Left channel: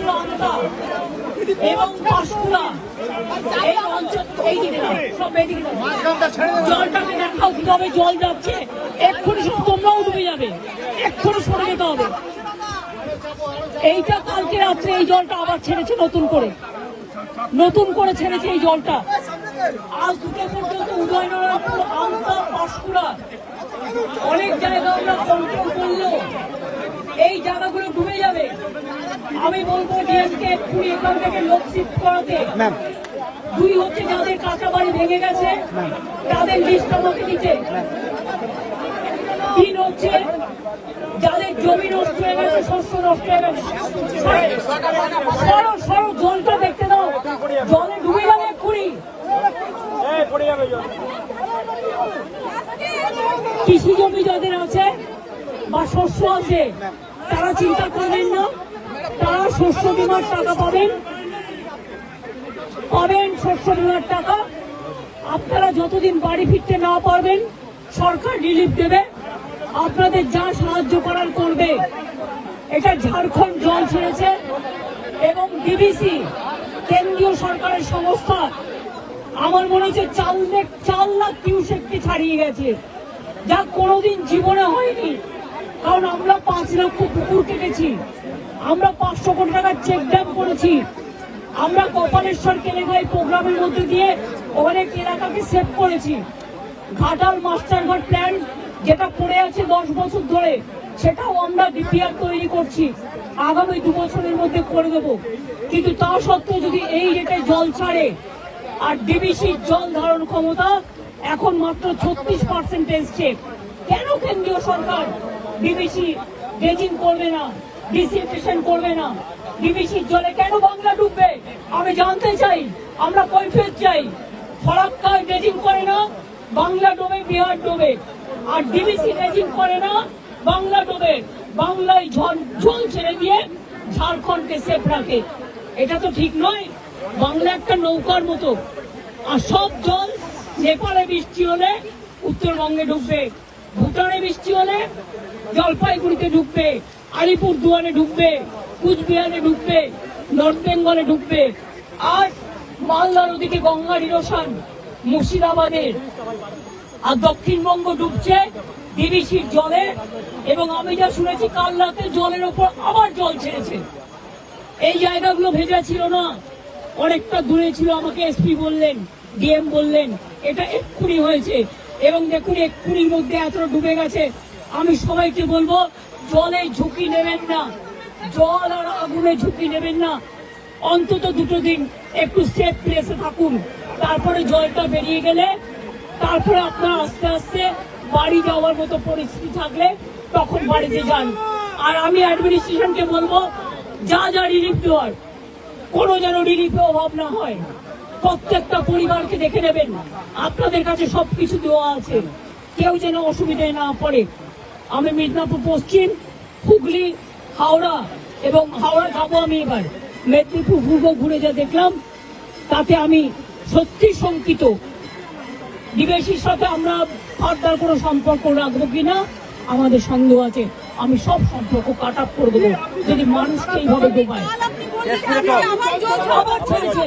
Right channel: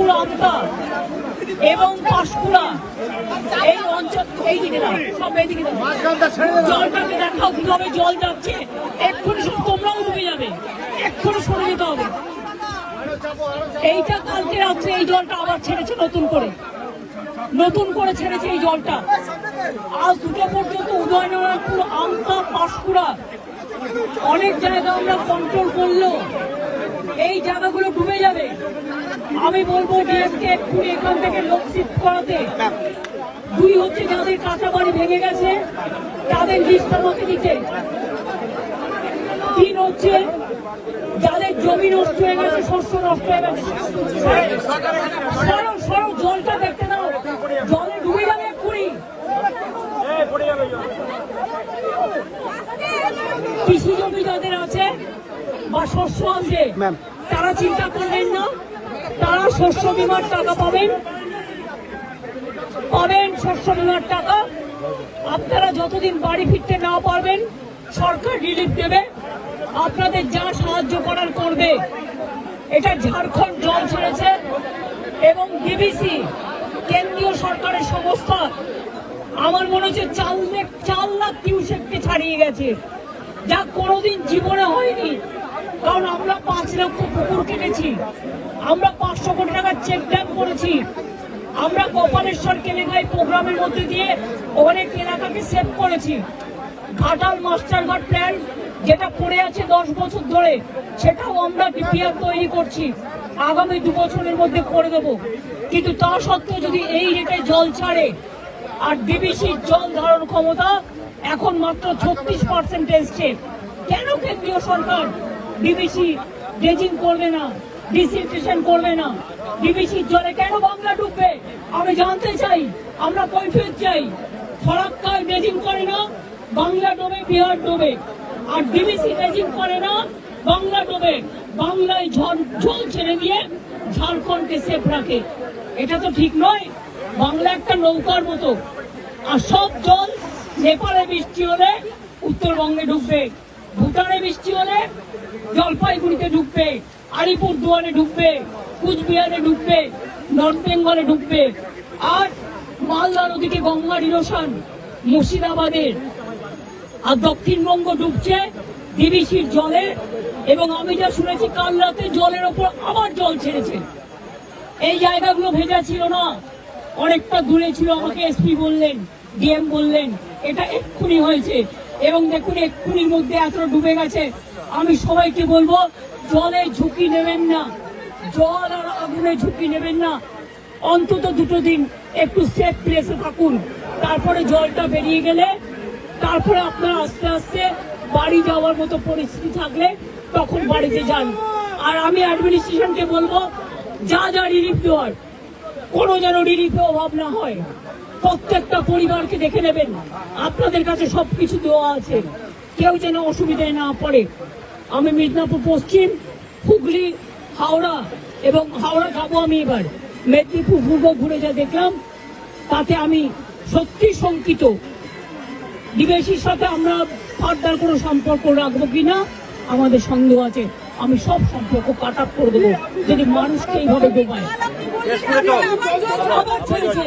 আলিপুর আমতা এবং পাঁশকুড়া এই অঞ্চল এই দিকে সব এদিকে জলটাকে দেখাও কিভাবে জল যাচ্ছে। এক্ষুনি সব তোমরাও ডুবে যাবে, এক্ষুনি সরে যেতে হবে। এইটা কালকে রাত্রে এই জলটা আবার ছেড়েছে নতুন করে ছেড়েছে এই জলটা। আজ দুটো পর্যন্ত উদয়নারায়ণপুর আমতা পাঁশকুড়া অনেক জায়গা আমরা কন্ট্রোল করলো, এই জায়গাগুলো ডুবে যাবে। আমি বলবো ডিএমকে এক্ষুনি এখান থেকে লোক শিফট করাতে। দুই হচ্ছে যাদের কাঁচা বাড়ি ভেঙে গেছে তাদের লিস্ট আমাকে দিতে। তিন হচ্ছে যাদের জমি নষ্ট হয়ে গেছে, শস্য নষ্ট হয়ে গেছে, সরো জলটা দেখতে দাও, জলে ডুবে যাবে এক্ষুনি। কৃষি জমি যাদের আছে বা শস্য আছে তারা চিন্তা করবেন না, তারা শস্য বীমার টাকা পাবেন শস্য বীমার টাকা। আপনারা যতদিন বাড়ি ফিরতে না পারবেন সরকার রিলিফ দেবে, আপনাদের যা সাহায্য করার করবে। এটা ঝাড়খণ্ড জল ছেড়েছে এবং ডিবিসি কেন্দ্রীয় সরকারের সংস্থা আমার মনে হচ্ছে 4 লাখ কিউসেককে ছাড়িয়ে গেছে, যা কোনোদিন জীবনে হয়নি। কারণ আমরা 5 লক্ষ পুকুর কেটেছি, আমরা 500 কোটি টাকার চেক ড্যাম করেছি, আমরা কপালেশ্বর কেলেঙ্গাই প্রোগ্রামের মধ্যে দিয়ে অনেক এলাকাকে সেভ করেছি। ঘাটাল মাস্টারঘাট প্ল্যান যেটা পড়ে আছে 10 বছর ধরে, সেটাও আমরা ডিপিআর তৈরি করছি, আগামী 2 বছরের মধ্যে করে দেব। কিন্তু তা সত্ত্বেও যদি এই রেটে জল ছাড়ে, আর ডিবিসির জল ধারণ ক্ষমতা এখন মাত্র 36% এসছে, কেন কেন্দ্রীয় সরকার ডিবিসি ড্রেজিং করবে না, ডিসিনফেকশন করবে না? ডিবিসির জলে কেন বাংলা ডুববে আমি জানতে চাই, আমরা কৈফিয়ত চাই। ফরাক্কায় ড্রেজিং করে না, বাংলা ডোবে, বিহার ডোবে। আর ডিবিসি ড্রেজিং করে না, বাংলা ডোবে, বাংলায় জল ছেড়ে দিয়ে ঝাড়খণ্ডকে সেফ রাখে। এটা তো ঠিক নয়। বাংলা একটা নৌকার মতো, আর সব জল নেপালে বৃষ্টি হলে উত্তরবঙ্গে ঢুকবে, ভুটানে বৃষ্টি হলে জলপাইগুড়িতে ঢুকবে, আলিপুরদুয়ারে ঢুকবে, কুচবিহারে ঢুকবে, নর্থ বেঙ্গলে ঢুকবে। আর মালদার ওদিকে গঙ্গার ইরোশন মুর্শিদাবাদে, আর দক্ষিণবঙ্গ ডুবছে ডিবিসির জলে। এবং আমি যা শুনেছি কাল রাতে জলের ওপর আবার জল ছেড়েছে। এই জায়গাগুলো ভেজা ছিল না, অনেকটা দূরে ছিল, আমাকে এসপি বললেন, ডিএম বললেন এটা এক্ষুনি হয়েছে। এবং দেখুন এক্ষুনির মধ্যে এতটা ডুবে গেছে। আমি সবাইকে বলবো জলে ঝুঁকি নেবেন না, জল আর আগুনে ঝুঁকি নেবেন না। অন্তত 2 দিন একটু সেফ প্লেসে থাকুন, তারপরে জলটা বেরিয়ে গেলে তারপরে আপনার আস্তে আস্তে বাড়ি যাওয়ার মতো পরিস্থিতি থাকলে তখন বাড়িতে যান। আর আমি অ্যাডমিনিস্ট্রেশনকে বলবো যা রিলিফ দেওয়ার কোনো যেন রিলিফে অভাব না হয়। প্রত্যেকটা পরিবারকে দেখে নেবেন, আপনাদের কাছে সবকিছু দেওয়া আছে, কেউ যেন অসুবিধায় না পড়ে। আমি মিদনাপুর পশ্চিম, হুগলি, হাওড়া এবং হাওড়া যাবো আমি এবার, মেদিনীপুর পূর্ব ঘুরে যা দেখলাম তাতে আমি সত্যি শঙ্কিত। ডিবিসির সাথে আমরা ফার্দার কোনো সম্পর্ক রাখবো কিনা আমাদের সন্দেহ আছে। আমি সব সম্পর্ক কাট আপ করে দেবো যদি মানুষকে এইভাবে ডোবায়। আবার ছেড়েছে,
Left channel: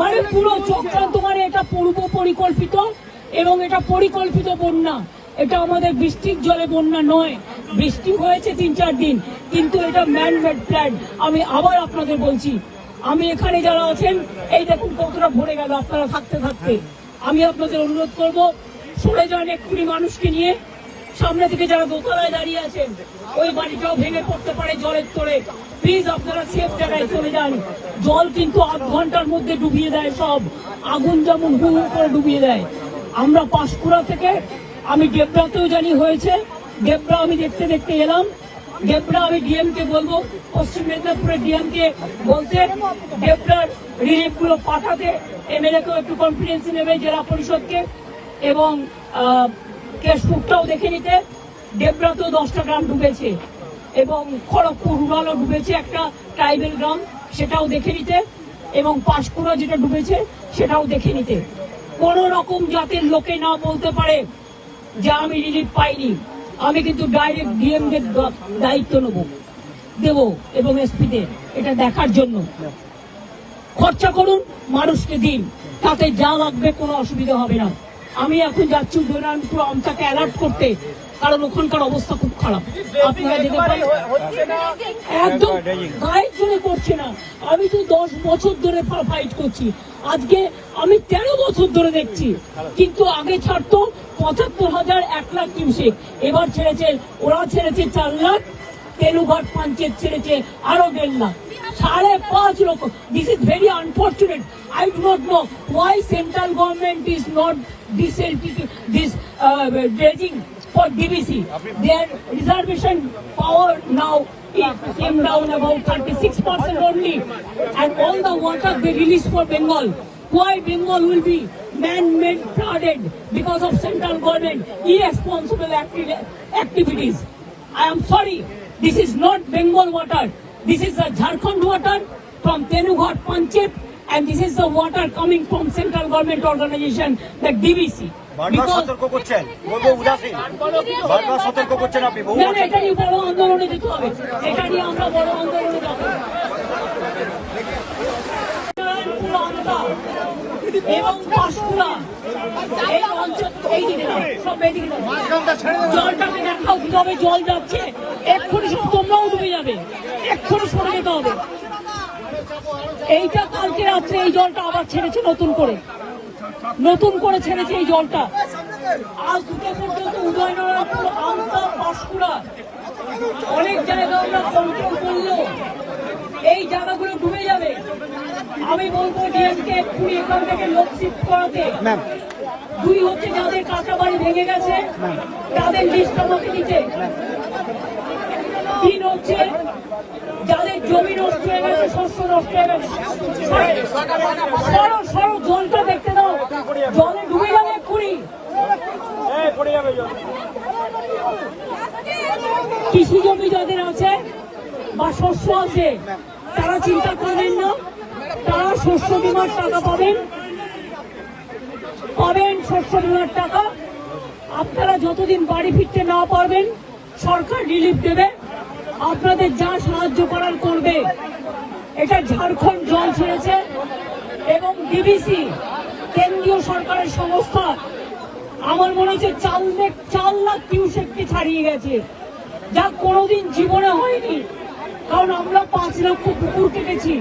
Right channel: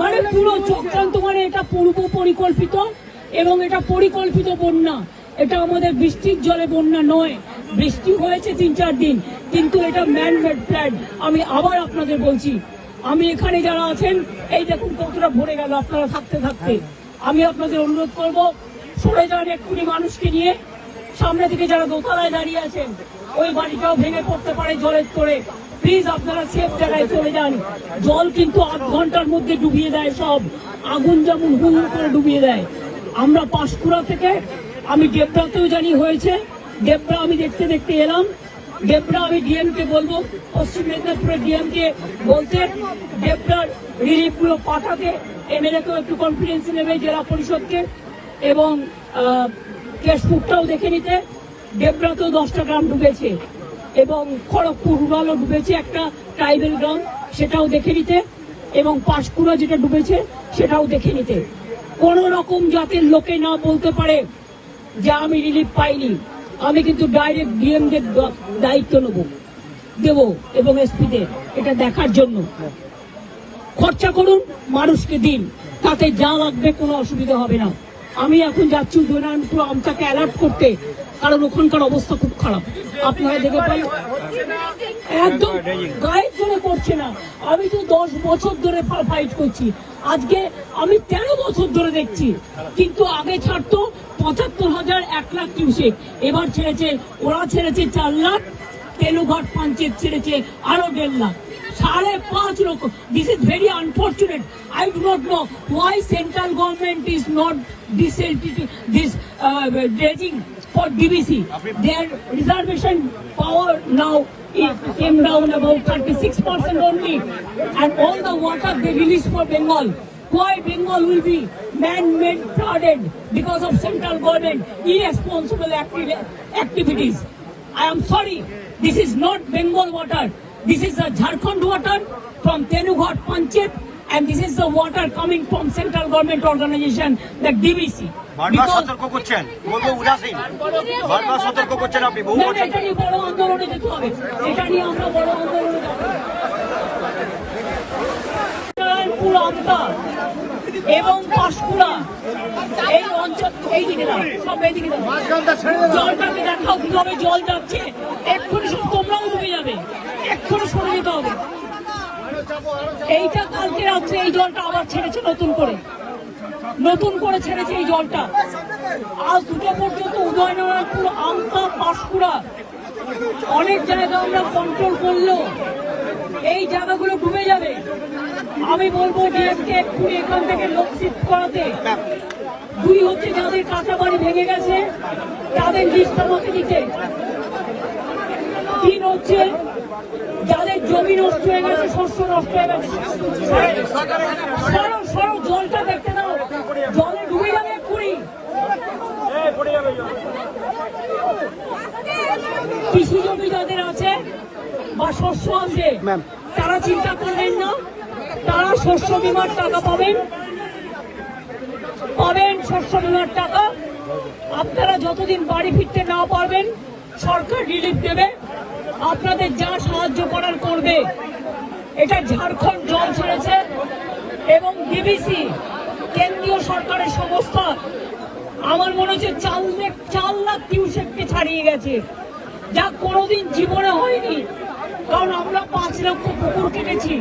মানে পুরো চক্রান্ত, মানে এটা পূর্ব পরিকল্পিত এবং এটা পরিকল্পিত বন্যা। এটা আমাদের বৃষ্টির জলে বন্যা নয়, বৃষ্টি হয়েছে 3-4 দিন, কিন্তু এটা ম্যানমেড প্ল্যান। আমি আবার আপনাদের বলছি, আমি এখানে যারা আছেন এই দেখুন কতটা ভরে গেল আপনারা থাকতে থাকতে। আমি আপনাদের অনুরোধ করবো সরে যান এক্ষুনি মানুষকে নিয়ে। সামনে থেকে যারা দোতলায় দাঁড়িয়ে আছেন ওই বাড়িটাও ভেঙে পড়তে পারে জলের তোড়ে, প্লিজ আপনারা সেফ জায়গায় চলে যান। জল কিন্তু 8 ঘন্টার মধ্যে ডুবিয়ে দেয় সব, আগুন যেমন হু হু করে ডুবিয়ে দেয়। আমরা পাঁশকুড়া থেকে, আমি ডেবরাতেও জানি হয়েছে, ডেবরা আমি দেখতে দেখতে এলাম। ডেবরা আমি ডিএমকে বলবো, পশ্চিম মেদিনীপুরের ডিএমকে বলতে ডেবরার রিলিফগুলো পাঠাতে, এমএলএকেও একটু কনফিডেন্স নেবে, জেলা পরিষদকে, এবং কেশপুরটাও দেখে নিতে। ডেবরাতেও 10টা গ্রাম ডুবেছে এবং খড়গপুর রুরালও ডুবেছে, একটা ট্রাইবেল গ্রাম, সেটাও দেখে নিতে। এবং পাঁশকুড়া যেটা ডুবেছে সেটাও দেখে নিতে। কোন রকম জাতের লোকে না বলতে পারে যে আমি রিলিফ পাইনি। আমি কিন্তু ডাইরেক্ট ডিএমদের দায়িত্ব নেব। দেব এবং এসপিদের এটা দেখার জন্য। খরচা করুন, মানুষকে দিন, তাতে যা লাগবে কোনো অসুবিধা হবে না। আমি এখন যাচ্ছি উদয়নারায়ণপুর আমটাকে অ্যালার্ট করতে, কারণ ওখানকার অবস্থা খুব খারাপ। আপনারা দেখে পান একদম গায়ের জন্য করছে না। আমি তো 10 বছর ধরে ফাইট করছি, আজকে আমি 13 বছর ধরে দেখছি। কিন্তু আগে ছাড়তো 75,000 1 লাখ কিউসেক, এবার ছেড়েছে, ওরা ছেড়েছে 4 লাখ, তেনুঘাট পঞ্চায়েত ছেড়েছে আরো 1.5 লাখ, 5.5 লক্ষ। This is very unfortunate. I do not know why central government is not this dredging for DBC. Their reservation power now it came down about 36% only, and all the water they release for Bengal. Why Bengal will be man-made flooded because of central government irresponsible activities? I am sorry, this is not Bengal water. This is the Jharkhand water from Tenughat Panchayat, and this is the water coming from central government organization, the DBC. এটা নিয়ে বড় আন্দোলনে যেতে হবে, এটা নিয়ে আমরা বড় আন্দোলনে যাব। এবং পাঁশকুড়া এই অঞ্চল, এই দিকে সব এদিকে জলটাকে দেখাও কিভাবে জল যাচ্ছে। এক্ষুনি সব তোমরাও ডুবে যাবে, এক্ষুনি সরে যেতে হবে। এইটা কালকে রাত্রে এই জলটা আবার ছেড়েছে নতুন করে ছেড়েছে এই জলটা। আজ দুটো পর্যন্ত উদয়নারায়ণপুর, আমতা, পাঁশকুড়া অনেক জায়গা আমরা কন্ট্রোল করলো, এই জায়গাগুলো ডুবে যাবে। আমি বলবো ডিএমকে এক্ষুনি এখান থেকে লোক শিফট করাতে। 2 হচ্ছে যাদের কাঁচা বাড়ি ভেঙে গেছে তাদের লিস্টটা মধ্যে দিতে। 3 হচ্ছে যাদের জমি নষ্ট হয়ে গেছে, শস্য নষ্ট হয়ে গেছে। সরো জলটা দেখতে দাও, জলে ডুবে যাবে এক্ষুনি। কৃষি জমি যাদের আছে বা শস্য আছে তারা চিন্তা করবেন না, তারা শস্য বীমার টাকা পাবেন শস্য বীমার টাকা। আপনারা যতদিন বাড়ি ফিরতে না পারবেন সরকার রিলিফ দেবে, আপনাদের যা সাহায্য করার করবে। এটা ঝাড়খণ্ড জল ছেড়েছে এবং ডিবিসি কেন্দ্রীয় সরকারের সংস্থা আমার মনে হচ্ছে 4 লাখ কিউসেককে ছাড়িয়ে গেছে, যা কোনোদিন জীবনে হয়নি। কারণ আমরা 5 লক্ষ পুকুর কেটেছি,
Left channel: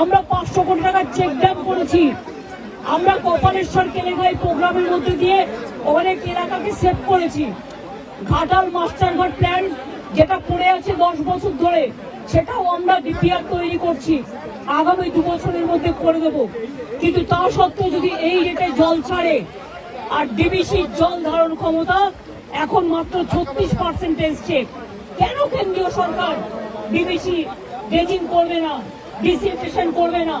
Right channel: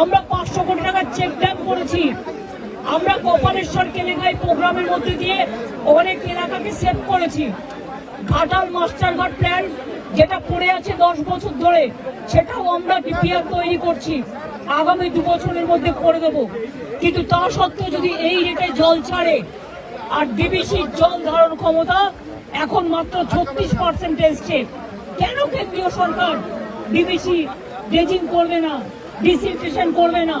আমরা 500 কোটি টাকার চেক ড্যাম করেছি, আমরা কপালেশ্বর কেলেঙ্গাই প্রোগ্রামের মধ্যে দিয়ে অনেক এলাকাকে সেভ করেছি। ঘাটাল মাস্টারঘাট প্ল্যান যেটা পড়ে আছে 10 বছর ধরে, সেটাও আমরা ডিপিআর তৈরি করছি, আগামী 2 বছরের মধ্যে করে দেব। কিন্তু তা সত্ত্বেও যদি এই রেটে জল ছাড়ে, আর ডিবিসির জল ধারণ ক্ষমতা এখন মাত্র 36% এসছে, কেন কেন্দ্রীয় সরকার ডিবিসি ড্রেজিং করবে না, ডিসিলটেশন করবে না?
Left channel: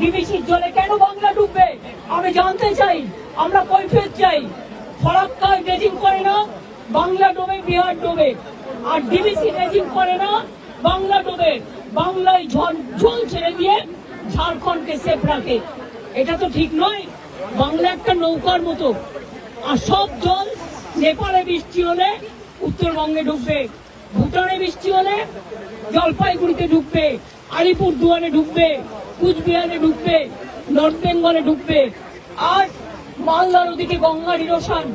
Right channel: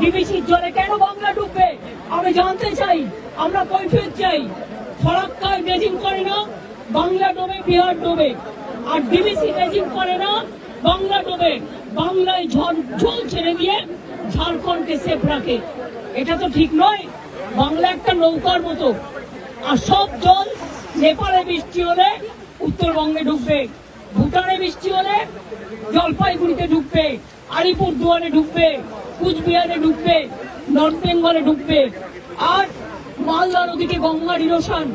ডিবিসির জলে কেন বাংলা ডুববে আমি জানতে চাই, আমরা কৈফিয়ত চাই। ফরাক্কায় ড্রেজিং করে না, বাংলা ডোবে, বিহার ডোবে। আর ডিবিসি ড্রেজিং করে না, বাংলা ডোবে, বাংলায় জল ছেড়ে দিয়ে ঝাড়খণ্ডকে সেফ রাখে। এটা তো ঠিক নয়। বাংলা একটা নৌকার মতো, আর সব জল নেপালে বৃষ্টি হলে উত্তরবঙ্গে ঢুকবে, ভুটানে বৃষ্টি হলে জলপাইগুড়িতে ঢুকবে, আলিপুরদুয়ারে ঢুকবে, কুচবিহারে ঢুকবে, নর্থ বেঙ্গলে ঢুকবে। আর মালদার ওদিকে গঙ্গার ইরোশন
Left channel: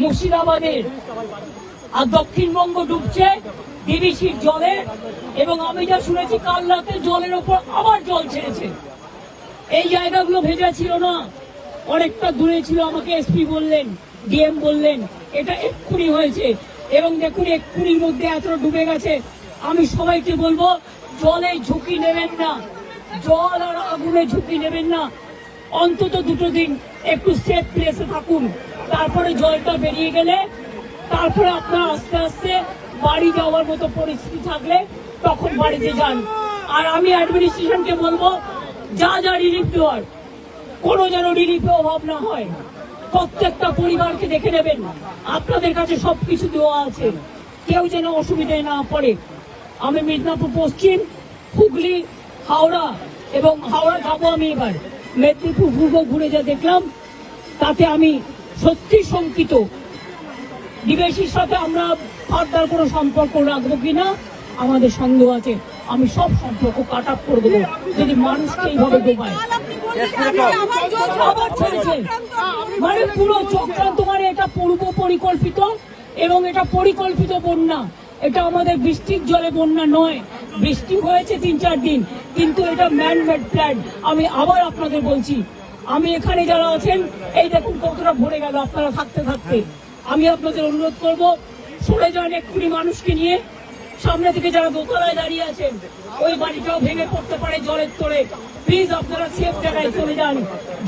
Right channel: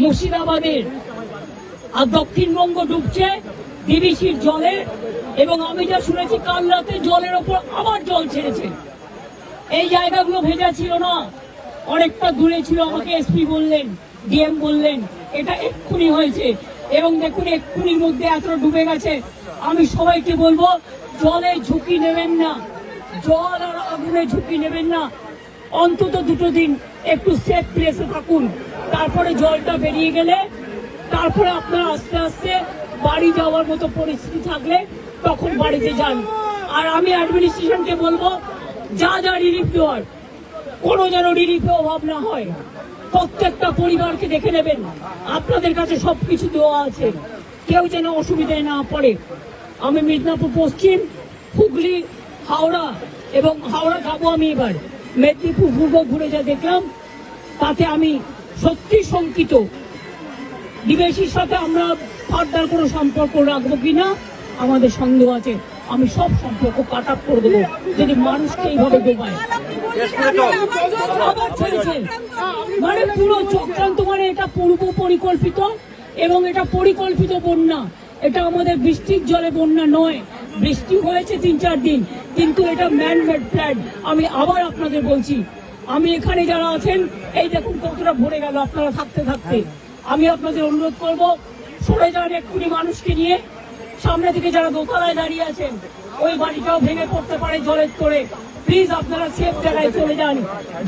মুর্শিদাবাদের, আর দক্ষিণবঙ্গ ডুবছে ডিবিসির জলে। এবং আমি যা শুনেছি কাল রাতে জলের ওপর আবার জল ছেড়েছে। এই জায়গাগুলো ভেজা ছিল না, অনেকটা দূরে ছিল, আমাকে এসপি বললেন, ডিএম বললেন এটা এক্ষুনি হয়েছে। এবং দেখুন এক্ষুনির মধ্যে এতটা ডুবে গেছে। আমি সবাইকে বলবো জলে ঝুঁকি নেবেন না, জল আর আগুনে ঝুঁকি নেবেন না। অন্তত 2 দিন একটু সেফ প্লেসে থাকুন, তারপরে জলটা বেরিয়ে গেলে তারপরে আপনার আস্তে আস্তে বাড়ি যাওয়ার মতো পরিস্থিতি থাকলে তখন বাড়িতে যান। আর আমি অ্যাডমিনিস্ট্রেশনকে বলবো যা রিলিফ দেওয়ার কোনো যেন রিলিফে অভাব না হয়। প্রত্যেকটা পরিবারকে দেখে নেবেন, আপনাদের কাছে সবকিছু দেওয়া আছে, কেউ যেন অসুবিধায় না পড়ে। আমি মিদনাপুর পশ্চিম, হুগলি, হাওড়া এবং হাওড়া যাবো আমি এবার, মেদিনীপুর পূর্ব ঘুরে যা দেখলাম তাতে আমি সত্যি শঙ্কিত। ডিবিসির সাথে আমরা ফার্দার কোনো সম্পর্ক রাখবো কিনা আমাদের সন্দেহ আছে। আমি সব সম্পর্ক কাট আপ করে দেবো যদি মানুষকে এইভাবে ডোবায়। আবার ছেড়েছে, মানে পুরো চক্রান্ত, মানে এটা পূর্ব পরিকল্পিত এবং এটা পরিকল্পিত বন্যা। এটা আমাদের বৃষ্টির জলে বন্যা নয়, বৃষ্টি হয়েছে 3-4 দিন, কিন্তু এটা ম্যান মেড প্ল্যান। আমি আবার আপনাদের বলছি, আমি এখানে যারা আছেন, এই দেখুন কতটা ভরে গেল আপনারা থাকতে থাকতে। আমি আপনাদের অনুরোধ করব, সরে যান এক্ষুনি মানুষকে নিয়ে। সামনে থেকে যারা দোতলায় দাঁড়িয়ে আছেন, ওই বাড়িটাও ভেঙে পড়তে পারে জলের তোড়ে। প্লিজ আপনারা সেফ জায়গায় চলে যান।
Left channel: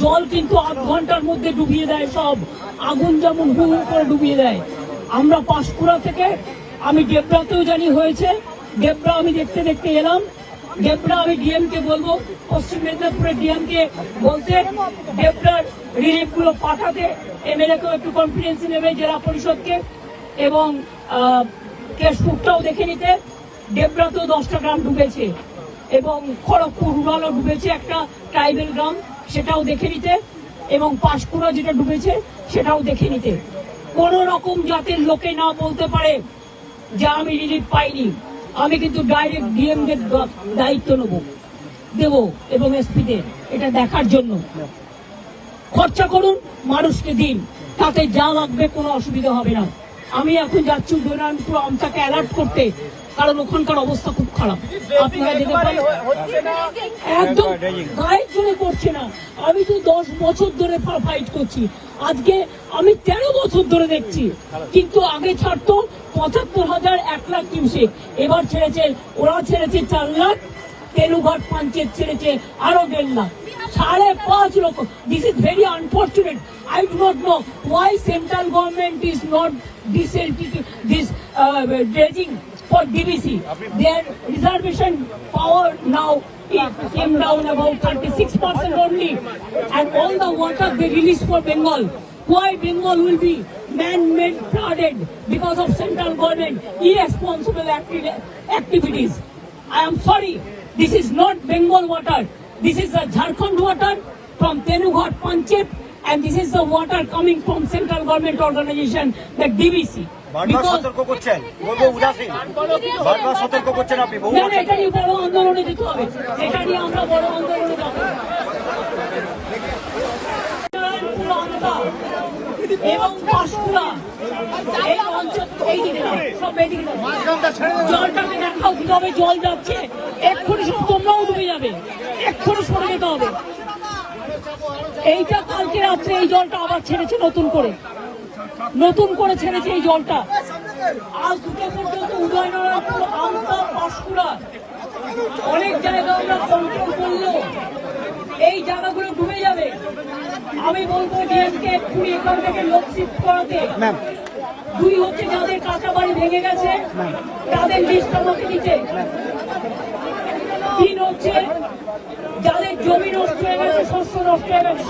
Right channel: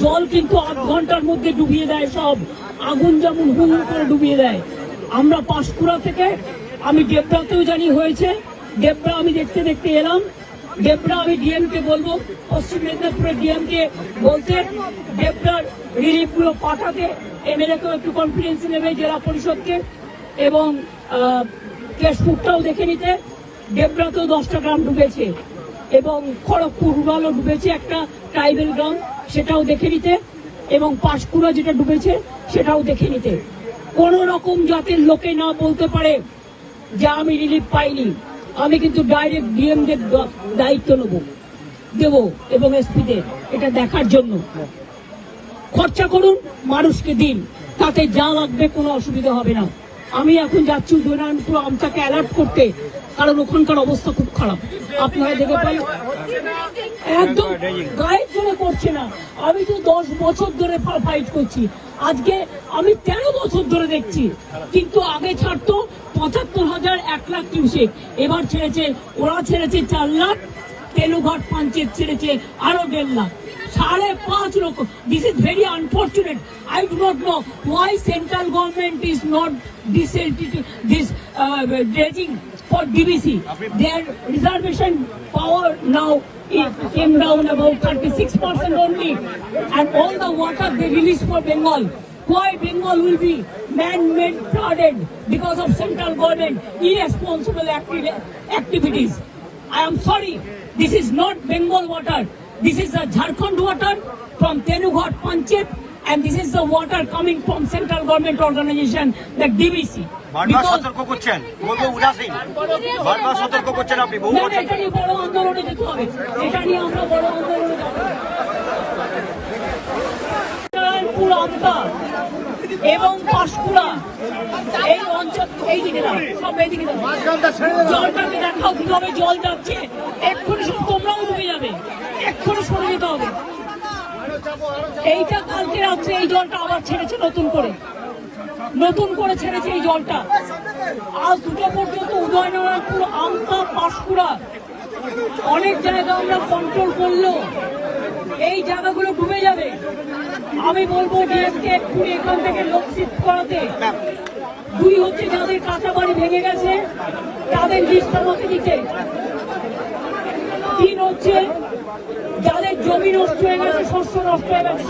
জল কিন্তু 8 ঘন্টার মধ্যে ডুবিয়ে দেয় সব, আগুন যেমন হু হু করে ডুবিয়ে দেয়। আমরা পাঁশকুড়া থেকে, আমি ডেবরাতেও জানি হয়েছে, ডেবরা আমি দেখতে দেখতে এলাম। ডেবরা আমি ডিএম কে বলবো, পশ্চিম মেদিনীপুরের ডিএম কে বলতে ডেবরার রিলিফ গুলো পাঠাতে, এমএলএ কেও একটু কনফিডেন্স নেবে, জেলা পরিষদকে, এবং কেশপুরটাও দেখে নিতে। ডেবরাতেও 10টা গ্রাম ডুবেছে এবং খড়গপুর রুরালও ডুবেছে, একটা ট্রাইবেল গ্রাম, সেটাও দেখে নিতে, এবং পাঁশকুড়া যেটা ডুবেছে সেটাও দেখে নিতে। কোন রকম জাতের লোকে না বলতে পারে যে আমি রিলিফ পাইনি। আমি কিন্তু ডাইরেক্ট ডিএম দের দায়িত্ব দেব এবং এসপি দের এটা দেখার জন্য। খরচা করুন, মানুষকে দিন, তাতে যা লাগবে কোনো অসুবিধা হবে না। আমি এখন যাচ্ছি উদয়নারায়ণপুর আমটাকে অ্যালার্ট করতে, কারণ ওখানকার অবস্থা খুব খারাপ। আপনারা দেখে পান, একদম গায়ের জন্য করছে না। আমি তো 10 বছর ধরে ফাইট করছি, আজকে আমি 13 বছর ধরে দেখছি, কিন্তু আগে ছাড়তো 75,000, 1 লাখ কিউসেক, এবার ছেড়েছে, ওরা ছেড়েছে 4 লাখ, তেনুঘাট পঞ্চায়েত ছেড়েছে আরো 1.5 লাখ, 5.5 লক্ষ। This is very unfortunate. I do not know why central government is not this dredging for DBC. Their reservation power now it came down about 36% only, and all the water they release for Bengal. Why Bengal will be man-made flooded because of central government irresponsible activities? I am sorry, this is not Bengal water. This is the Jharkhand water from Tenughat Panchayat, and this is the water coming from central government organization, the DBC. এটা নিয়ে বড় আন্দোলনে যেতে হবে, এটা নিয়ে আমরা বড় আন্দোলনে যাব। এবং পাঁশকুড়া এই অঞ্চল, এই দিকে সব এদিকে জলটাকে দেখাও কিভাবে জল যাচ্ছে। এক্ষুনি সব তোমরাও ডুবে যাবে, এক্ষুনি সরে যেতে হবে। এইটা কালকে রাত্রে এই জলটা আবার ছেড়েছে, নতুন করে ছেড়েছে এই জলটা। আজ 2টা পর্যন্ত উদয়নারায়ণপুর, আমতা, পাঁশকুড়া অনেক জায়গা আমরা কন্ট্রোল করলো, এই জায়গাগুলো ডুবে যাবে। আমি বলবো ডিএমকে এক্ষুনি এখান থেকে লোক শিফট করাতে। 2 হচ্ছে যাদের কাঁচা বাড়ি ভেঙে গেছে তাদের লিস্ট আমাকে দিতে। 3 হচ্ছে যাদের জমি নষ্ট হয়ে গেছে, শস্য নষ্ট হয়ে গেছে।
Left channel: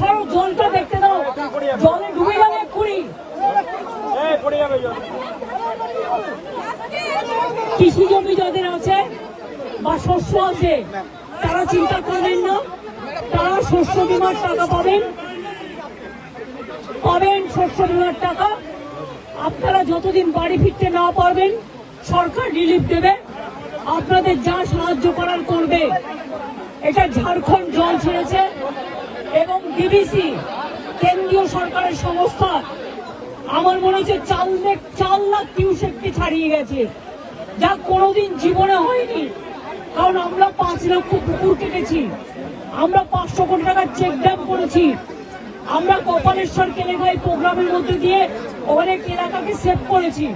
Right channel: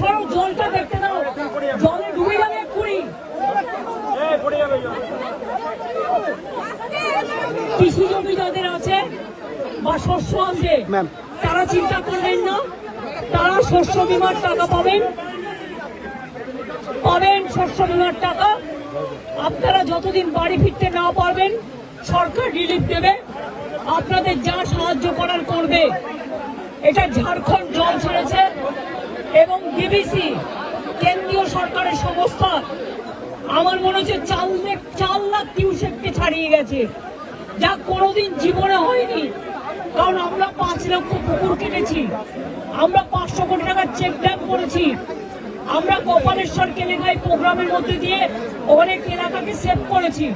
সরো জলটা দেখতে দাও, জলে ডুবে যাবে এক্ষুনি। কৃষি জমি যাদের আছে বা শস্য আছে তারা চিন্তা করবেন না, তারা শস্য বীমার টাকা পাবেন, শস্য বীমার টাকা। আপনারা যতদিন বাড়ি ফিরতে না পারবেন সরকার রিলিফ দেবে, আপনাদের যা সাহায্য করার করবে। এটা ঝাড়খণ্ড জল ছেড়েছে এবং ডিবিসি কেন্দ্রীয় সরকারের সংস্থা, আমার মনে হচ্ছে 4 লাখ কিউসেককে ছাড়িয়ে গেছে, যা কোনোদিন জীবনে হয়নি। কারণ আমরা 5 লক্ষ পুকুর কেটেছি, আমরা 500 কোটি টাকার চেক ড্যাম করেছি, আমরা কপালেশ্বর কেলেঘাই প্রোগ্রামের মধ্যে দিয়ে অনেক এলাকাকে সেভ করেছি।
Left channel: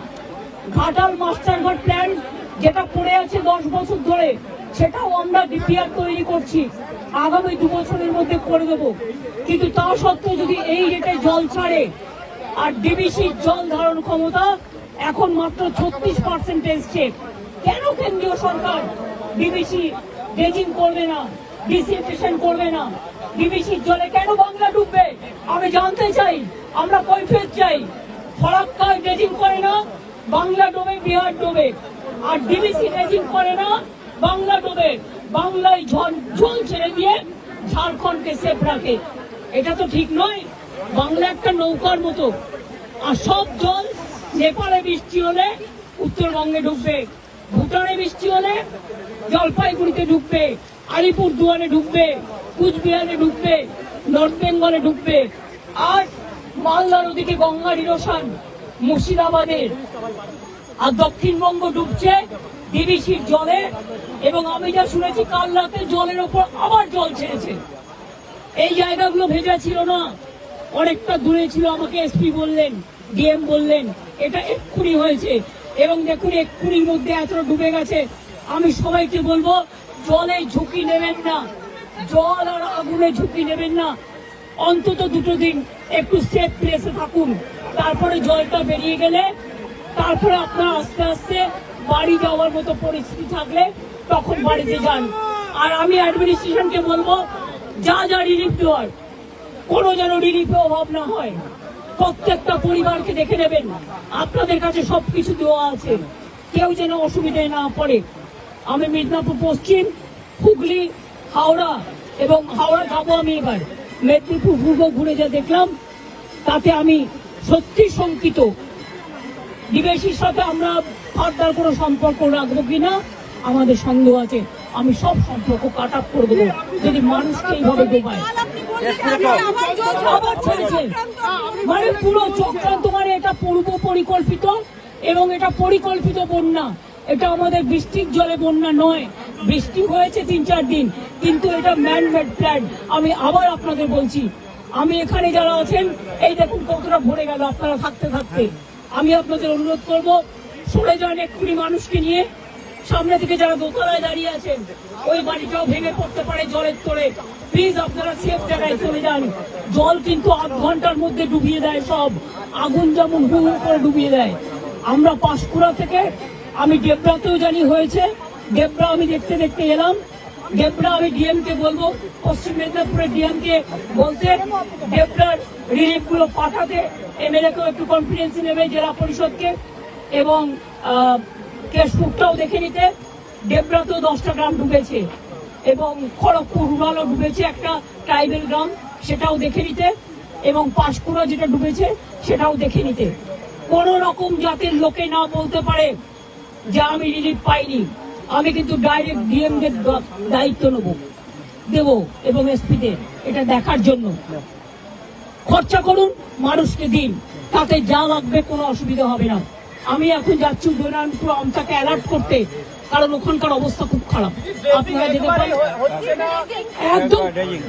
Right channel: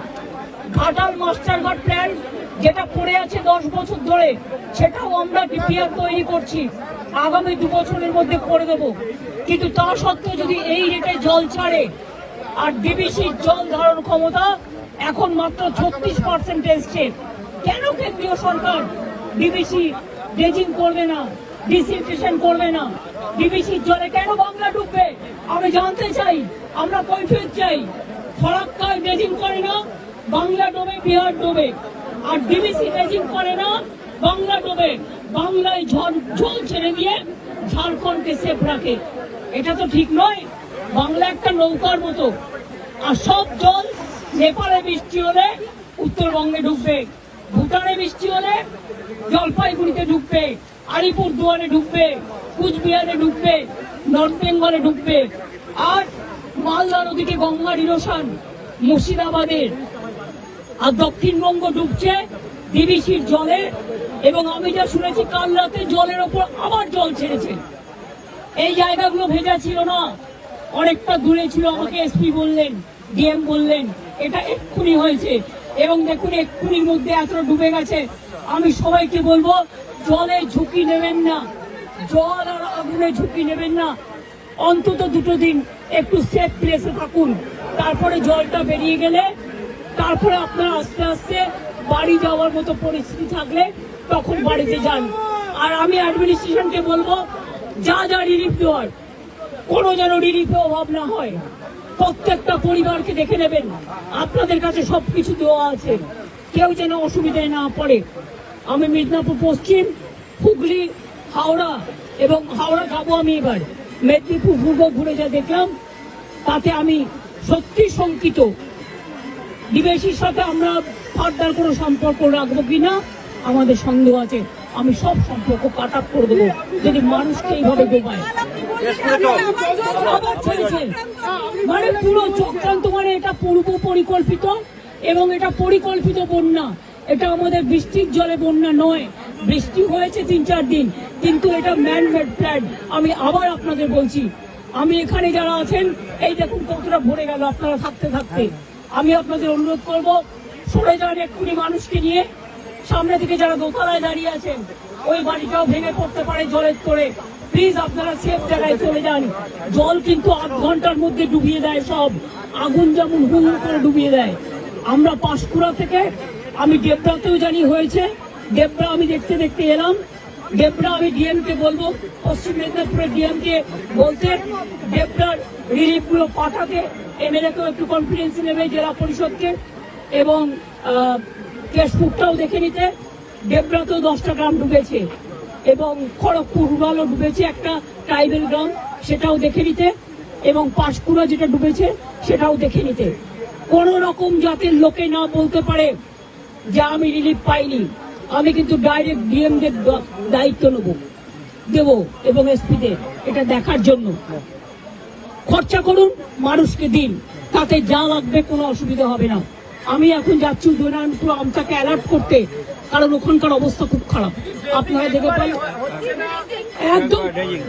ঘাটাল মাস্টারঘাট প্ল্যান যেটা পড়ে আছে 10 বছর ধরে, সেটাও আমরা ডিপিআর তৈরি করছি, আগামী 2 বছরের মধ্যে করে দেব। কিন্তু তা সত্ত্বেও যদি এই রেটে জল ছাড়ে, আর ডিবিসির জল ধারণ ক্ষমতা এখন মাত্র 36% এসছে, কেন কেন্দ্রীয় সরকার ডিবিসি ড্রেজিং করবে না, ডিসিনফেকশন করবে না? ডিবিসির জলে কেন বাংলা ডুববে আমি জানতে চাই, আমরা কৈফিয়ত চাই। ফরাক্কায় ড্রেজিং করে না, বাংলা ডোবে, বিহার ডোবে, আর ডিবিসি ড্রেজিং করে না, বাংলা ডোবে। বাংলায় জল ছেড়ে দিয়ে ঝাড়খণ্ডকে সেফ রাখে, এটা তো ঠিক নয়। বাংলা একটা নৌকার মতো, আর সব জল নেপালে বৃষ্টি হলে উত্তরবঙ্গে ঢুকবে, ভুটানে বৃষ্টি হলে জলপাইগুড়িতে ঢুকবে, আলিপুরদুয়ারে ঢুকবে, কুচবিহারে ঢুকবে, নর্থ বেঙ্গলে ঢুকবে, আর মালদার ওদিকে গঙ্গার ইরোশন মুর্শিদাবাদে, আর দক্ষিণবঙ্গ ডুবছে ডিবিসির জলে। এবং আমি যা শুনেছি কাল রাতে জলের ওপর আবার জল ছেড়েছে। এই জায়গাগুলো ভেজা ছিল না, অনেকটা দূরে ছিল। আমাকে এসপি বললেন, ডিএম বললেন এটা এক্ষুনি হয়েছে। এবং দেখুন এক্ষুনির মধ্যে এতটা ডুবে গেছে। আমি সবাইকে বলবো জলে ঝুঁকি নেবেন না, জল আর আগুনে ঝুঁকি নেবেন না। অন্তত 2 দিন একটু সেফ প্লেসে থাকুন। তারপরে জলটা বেরিয়ে গেলে তারপরে আপনার আস্তে আস্তে বাড়ি যাওয়ার মতো পরিস্থিতি থাকলে তখন বাড়িতে যান। আর আমি অ্যাডমিনিস্ট্রেশনকে বলবো যা যা রিলিফ দেওয়ার কোনো যেন রিলিফে অভাব না হয়। প্রত্যেকটা পরিবারকে দেখে নেবেন, আপনাদের কাছে সবকিছু দেওয়া আছে, কেউ যেন অসুবিধায় না পড়ে। আমি মিদনাপুর পশ্চিম, হুগলি, হাওড়া এবং হাওড়া যাবো আমি এবার। মেদিনীপুর পূর্ব ঘুরে যা দেখলাম তাতে আমি সত্যি শঙ্কিত। ডিবিসির সাথে আমরা ফার্দার কোনো সম্পর্ক রাখবো কিনা আমাদের সন্দেহ আছে। আমি সব সম্পর্ক কাট আপ করে দেবো যদি মানুষকে এইভাবে ডোবায়। আবার ছেড়েছে মানে পুরো চক্রান্ত, মানে এটা পূর্ব পরিকল্পিত এবং এটা পরিকল্পিত বন্যা। এটা আমাদের বৃষ্টির জলে বন্যা নয়। বৃষ্টি হয়েছে 3-4 দিন, কিন্তু এটা ম্যান মেড প্ল্যান। আমি আবার আপনাদের বলছি, আমি এখানে যারা আছেন এই দেখুন কতটা ভরে গেল আপনারা থাকতে থাকতে। আমি আপনাদের অনুরোধ করবো সরে যান এক্ষুনি মানুষকে নিয়ে। সামনে থেকে যারা দোতলায় দাঁড়িয়ে আছেন ওই বাড়িটাও ভেঙে পড়তে পারে জলের তোড়ে। প্লিজ আপনারা সেফ জায়গায় চলে যান। জল কিন্তু 8 ঘন্টার মধ্যে ডুবিয়ে দেয় সব। আগুন যেমন হু হু করে ডুবিয়ে দেয়। আমরা পাঁশকুড়া থেকে, আমি ডেবরাতেও জানি হয়েছে, ডেবরা আমি দেখতে দেখতে এলাম। ডেবরা আমি ডিএম কে বলবো, পশ্চিম মেদিনীপুরের ডিএম কে বলতে ডেবরার রিলিফ গুলো পাঠাতে। এমএলএ কেও একটু কনফিডেন্স নেবে, জেলা পরিষদকে, এবং কেশপুরটাও দেখে নিতে। ডেবরাতেও 10টা গ্রাম ডুবেছে এবং খড়গপুর রুরালও ডুবেছে, একটা ট্রাইবেল গ্রাম, সেটাও দেখে নিতে। এবং পাঁশকুড়া যেটা ডুবেছে সেটাও দেখে নিতে। কোন রকম জাতির লোকে না বলতে পারে যে আমি রিলিফ পাইনি। আমি কিন্তু ডাইরেক্ট ডিএম দের দায়িত্ব দেব এবং এসপিদের এটা দেখার জন্য। খরচা করুন, মানুষকে দিন, তাতে যা লাগবে কোনো অসুবিধা হবে না। আমি এখন যাচ্ছি উদয়নারায়ণপুর আমটাকে অ্যালার্ট করতে, কারণ ওখানকার অবস্থা খুব খারাপ। আপনারা দেখে পান একদম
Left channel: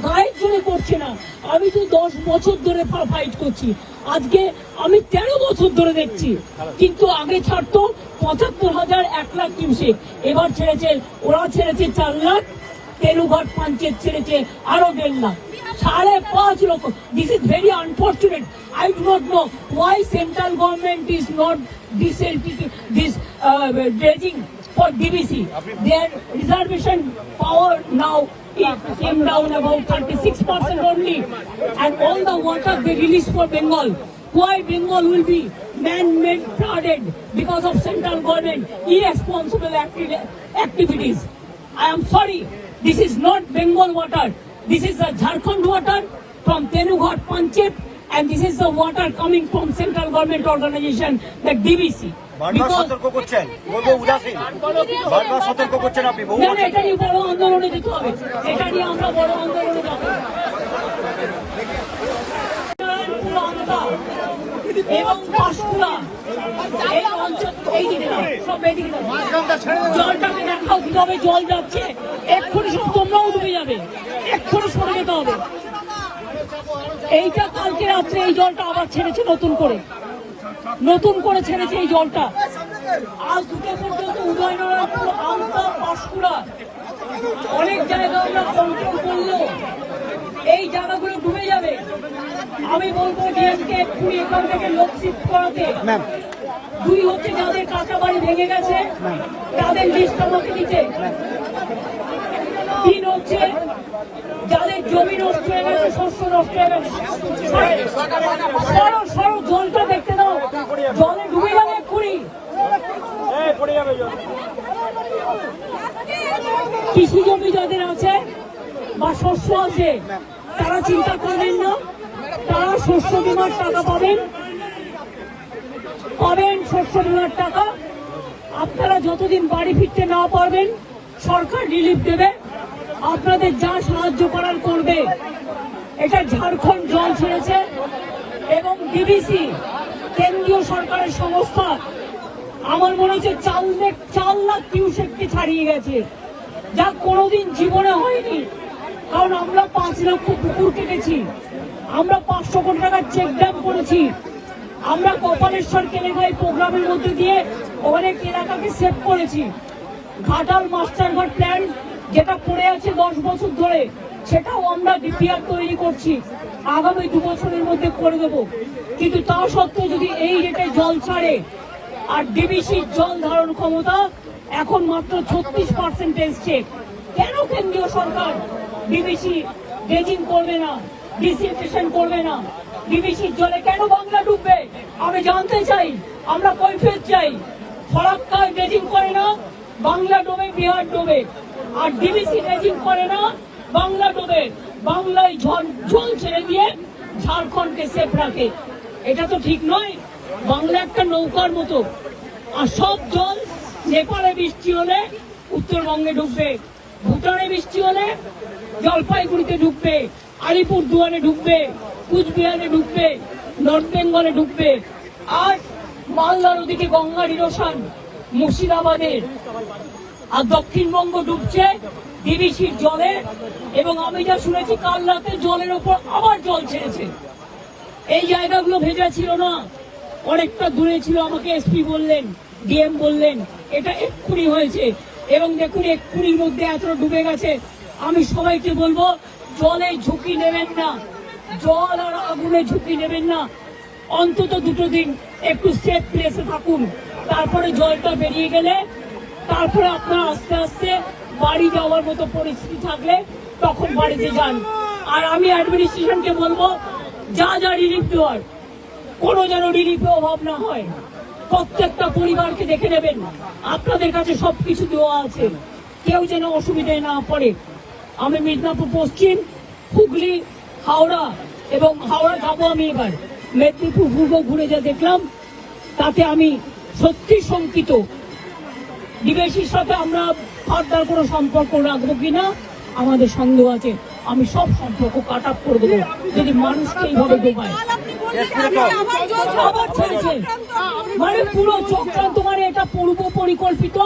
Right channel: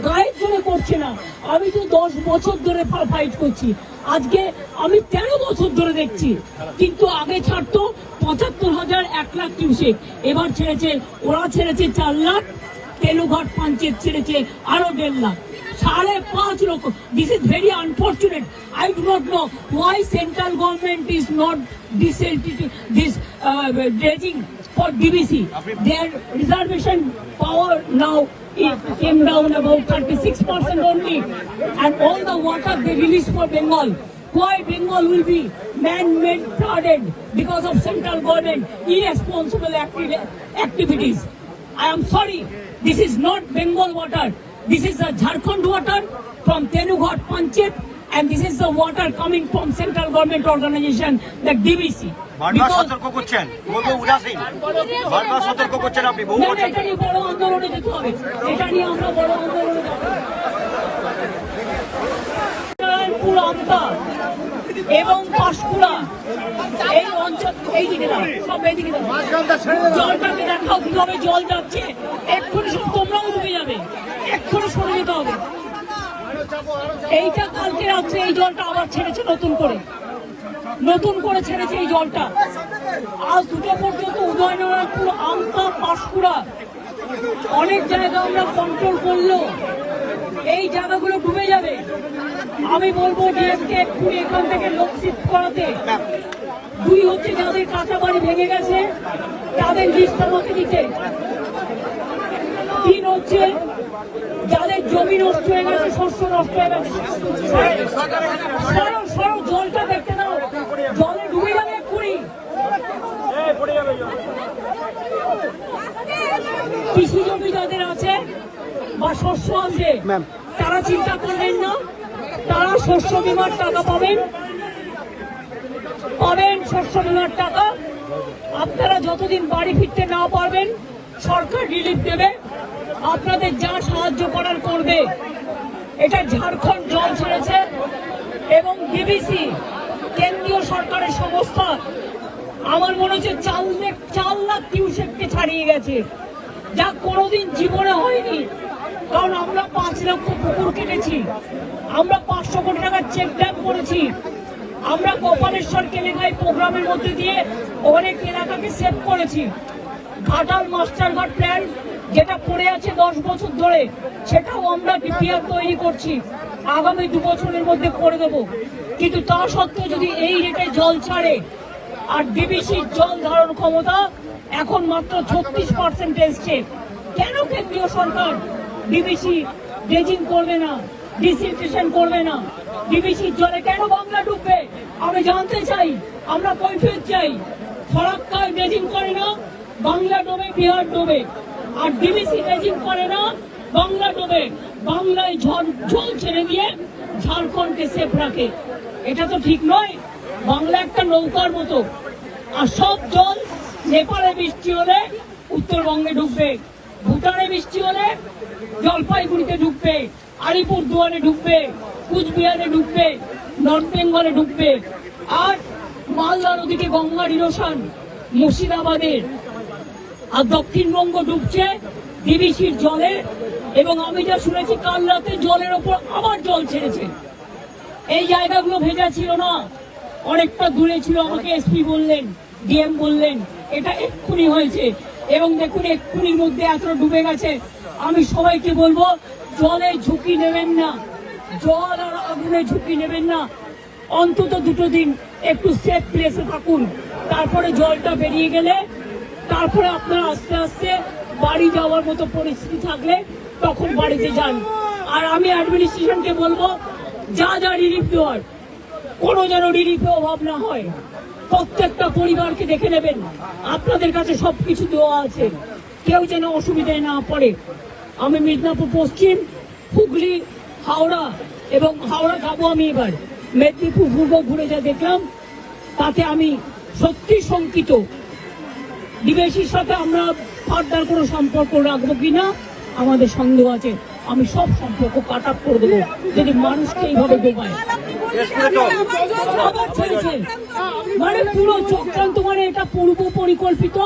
গায়ের জন্য করছে না। আমি তো 10 বছর ধরে ফাইট করছি, আজকে আমি 13 বছর ধরে দেখছি। কিন্তু আগে ছাড়তো 75,000, 1 লাখ কিউসেক, এবার ছেড়েছে, ওরা ছেড়েছে 4 লাখ, তেলুঘাট পঞ্চায়েত ছেড়েছে আরো 1.5 লাখ, 5.5 লক্ষ। This is very unfortunate. I do not know why central government is not this dredging for DBC. Their reservation power now it came down about 36% only, and all the water they release for Bengal. Why Bengal will be man-made flooded because of central government irresponsible activities? I am sorry, this is not Bengal water. This is the Jharkhand water from Tenughat Panchayat, and this is the water coming from central government organization, the DBC. এটা নিয়ে বড় আন্দোলনে যেতে হবে, এটা নিয়ে আমরা বড় আন্দোলনে যাব। এবং পাঁশকুড়া এই অঞ্চল, এই দিকে সব এদিকে জলটাকে দেখাও কিভাবে জল যাচ্ছে। এক্ষুনি সব তোমরাও ডুবে যাবে, এক্ষুনি সরে যেতে হবে। এইটা কালকে রাত্রে এই জলটা আবার ছেড়েছে নতুন করে ছেড়েছে এই জলটা। আজ 2টা পর্যন্ত উদয়নারায়ণপুর, আমতা, পাঁশকুড়া অনেক জায়গা আমরা কন্ট্রোল করলো, এই জায়গাগুলো ডুবে যাবে। আমি বলবো ডিএমকে এক্ষুনি এখান থেকে লোক শিফট করাতে। 2 হচ্ছে যাদের কাঁচা বাড়ি ভেঙে গেছে তাদের লিস্ট আমাকে দিতে। 3 হচ্ছে যাদের জমি নষ্ট হয়ে গেছে, শস্য নষ্ট হয়ে গেছে। সরো জলটা দেখতে দাও, জলে ডুবে যাবে এক্ষুনি। কৃষি জমি যাদের আছে বা শস্য আছে তারা চিন্তা করবেন না, তারা শস্য বীমার টাকা পাবেন, শস্য বীমার টাকা। আপনারা যতদিন বাড়ি ফিরতে না পারবেন সরকার রিলিফ দেবে, আপনাদের যা সাহায্য করার করবে। এটা ঝাড়খণ্ড জল ছেড়েছে এবং ডিবিসি কেন্দ্রীয় সরকারের সংস্থা আমার মনে হচ্ছে 4 লাখ কিউসেককে ছাড়িয়ে গেছে, যা কোনোদিন জীবনে হয়নি। কারণ আমরা 5 লক্ষ পুকুর কেটেছি, আমরা 500 কোটি টাকার চেক ড্যাম করেছি, আমরা কপালেশ্বর কেলেঙ্গাই প্রোগ্রামের মধ্যে দিয়ে অনেক এলাকাকে সেভ করেছি। ঘাটাল মাস্টারঘাট প্ল্যান যেটা পড়ে আছে 10 বছর ধরে, সেটাও আমরা ডিপিআর তৈরি করছি, আগামী 2 বছরের মধ্যে করে দেব। কিন্তু তা সত্ত্বেও যদি এই রেটে জল ছাড়ে, আর ডিবিসির জল ধারণ ক্ষমতা এখন মাত্র 36% এসছে, কেন কেন্দ্রীয় সরকার ডিবিসি ড্রেজিং করবে না, ডিসিলটেশন করবে না? ডিবিসির জলে কেন বাংলা ডুববে আমি জানতে চাই, আমরা কৈফিয়ত চাই। ফরাক্কায় ড্রেজিং করে না, বাংলা ডোবে, বিহার ডোবে। আর ডিবিসি ড্রেজিং করে না, বাংলা ডোবে, বাংলায় জল ছেড়ে দিয়ে ঝাড়খণ্ডকে সেফ রাখে। এটা তো ঠিক নয়। বাংলা একটা নৌকার মতো, আর সব জল নেপালে বৃষ্টি হলে উত্তরবঙ্গে ঢুকবে, ভুটানে বৃষ্টি হলে জলপাইগুড়িতে ঢুকবে, আলিপুরদুয়ারে ঢুকবে, কুচবিহারে ঢুকবে, নর্থ বেঙ্গলে ঢুকবে। আর মালদার ওদিকে গঙ্গার ইরোশন মুর্শিদাবাদে, আর দক্ষিণবঙ্গ ডুবছে ডিবিসির জলে। এবং আমি যা শুনেছি কাল রাতে জলের ওপর আবার জল ছেড়েছে। এই জায়গাগুলো ভেজা ছিল না, অনেকটা দূরে ছিল, আমাকে এসপি বললেন, ডিএম বললেন এটা এক্ষুনি হয়েছে। এবং দেখুন এক্ষুনির মধ্যে এতটা ডুবে গেছে। আমি সবাইকে বলবো জলে ঝুঁকি নেবেন না, জল আর আগুনে ঝুঁকি নেবেন না। অন্তত 2 দিন একটু সেফ প্লেসে থাকুন, তারপরে জলটা বেরিয়ে গেলে তারপরে আপনারা আস্তে আস্তে বাড়ি যাওয়ার মতো পরিস্থিতি থাকলে তখন বাড়িতে যান। আর আমি অ্যাডমিনিস্ট্রেশনকে বলবো যা যা রিলিফ দেওয়ার, কোনো যেন রিলিফে অভাব না হয়। প্রত্যেকটা পরিবারকে দেখে নেবেন, আপনাদের কাছে সবকিছু দেওয়া আছে, কেউ যেন অসুবিধায় না পড়ে। আমি মিদনাপুর পশ্চিম, হুগলি, হাওড়া এবং হাওড়া যাবো আমি এবার, মেদিনীপুর পূর্ব ঘুরে যা দেখলাম তাতে আমি সত্যি শঙ্কিত। ডিবিসির সাথে আমরা ফার্দার কোনো সম্পর্ক রাখবো কিনা আমাদের সন্দেহ আছে। আমি সব সম্পর্ক কাট আপ করে দেবো যদি মানুষকে এইভাবে ডোবায়। আবার ছেড়েছে, মানে পুরো চক্রান্ত, মানে এটা পূর্ব পরিকল্পিত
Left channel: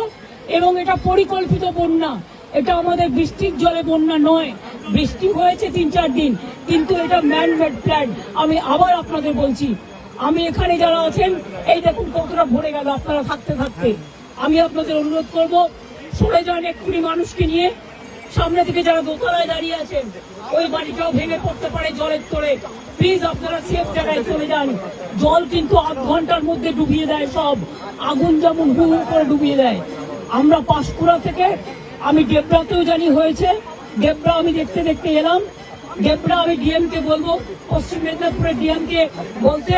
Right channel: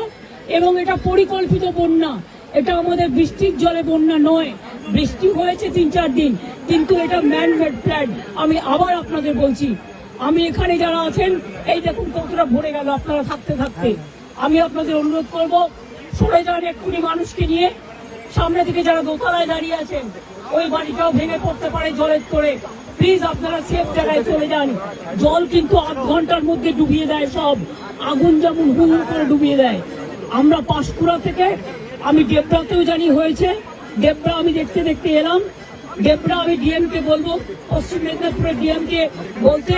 এবং এটা পরিকল্পিত বন্যা। এটা আমাদের বৃষ্টির জলে বন্যা নয়, বৃষ্টি হয়েছে 3-4 দিন, কিন্তু এটা ম্যান মেড প্ল্যান। আমি আবার আপনাদের বলছি, আমি এখানে যারা আছেন এই দেখুন কতটা ভরে গেল আপনারা থাকতে থাকতে। আমি আপনাদের অনুরোধ করবো সরে যান এক্ষুনি মানুষকে নিয়ে। সামনে থেকে যারা দোতলায় দাঁড়িয়ে আছেন, ওই বাড়িটাও ভেঙে পড়তে পারে জলের তোড়ে। প্লিজ আপনারা সেফ জায়গায় চলে যান। জল কিন্তু 8 ঘন্টার মধ্যে ডুবিয়ে দেয় সব, আগুন যেমন হু হু করে ডুবিয়ে দেয়। আমরা পাঁশকুড়া থেকে, আমি ডেবরাতেও জানি হয়েছে, ডেবরা আমি দেখতে দেখতে এলাম। ডেবরা আমি ডিএম কে বলবো, পশ্চিম মেদিনীপুরের ডিএম কে বলতে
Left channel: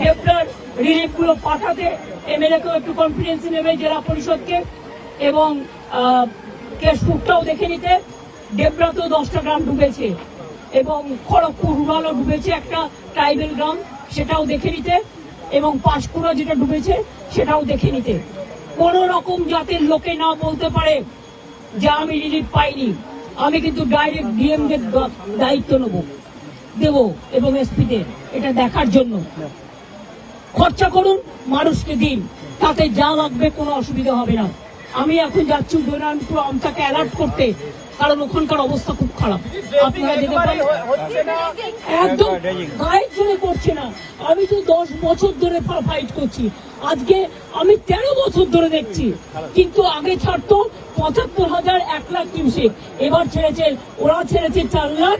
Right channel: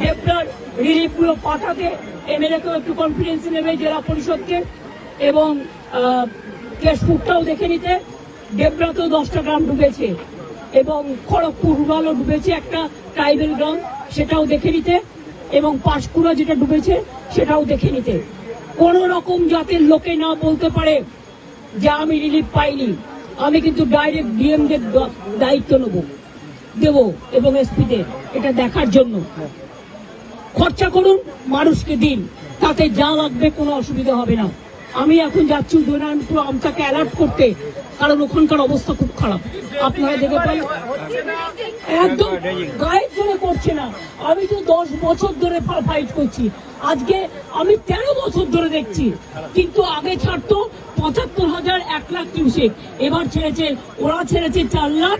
ডেবরার রিলিফ গুলো পাঠাতে, এমএলএ কেও একটু কনফিডেন্স নেবে, জেলা পরিষদকে, এবং কেশপুরটাও দেখে নিতে। ডেবরাতেও 10টা গ্রাম ডুবেছে এবং খড়গপুর রুরালও ডুবেছে, একটা ট্রাইবেল গ্রাম, সেটাও দেখে নিতে। এবং পাঁশকুড়া যেটা ডুবেছে সেটাও দেখে নিতে। কোন রকম জাতের লোকে না বলতে পারে যে আমি রিলিফ পাইনি। আমি কিন্তু ডাইরেক্ট ডিএম দের দায়িত্ব দেব এবং এসপিদের এটা দেখার জন্য। খরচা করুন, মানুষকে দিন, তাতে যা লাগবে কোনো অসুবিধা হবে না। আমি এখন যাচ্ছি উদয়নারায়ণপুর আমটাকে অ্যালার্ট করতে, কারণ ওখানকার অবস্থা খুব খারাপ। আপনারা দেখে পাই একদম গায়ের জন্য করছে না। আমি তো 10 বছর ধরে ফাইট করছি, আজকে আমি 13 বছর ধরে দেখছি। কিন্তু আগে ছাড়তো 75,000, 1 লাখ কিউসেক, এবার ছেড়েছে, ওরা ছেড়েছে 4 লাখ,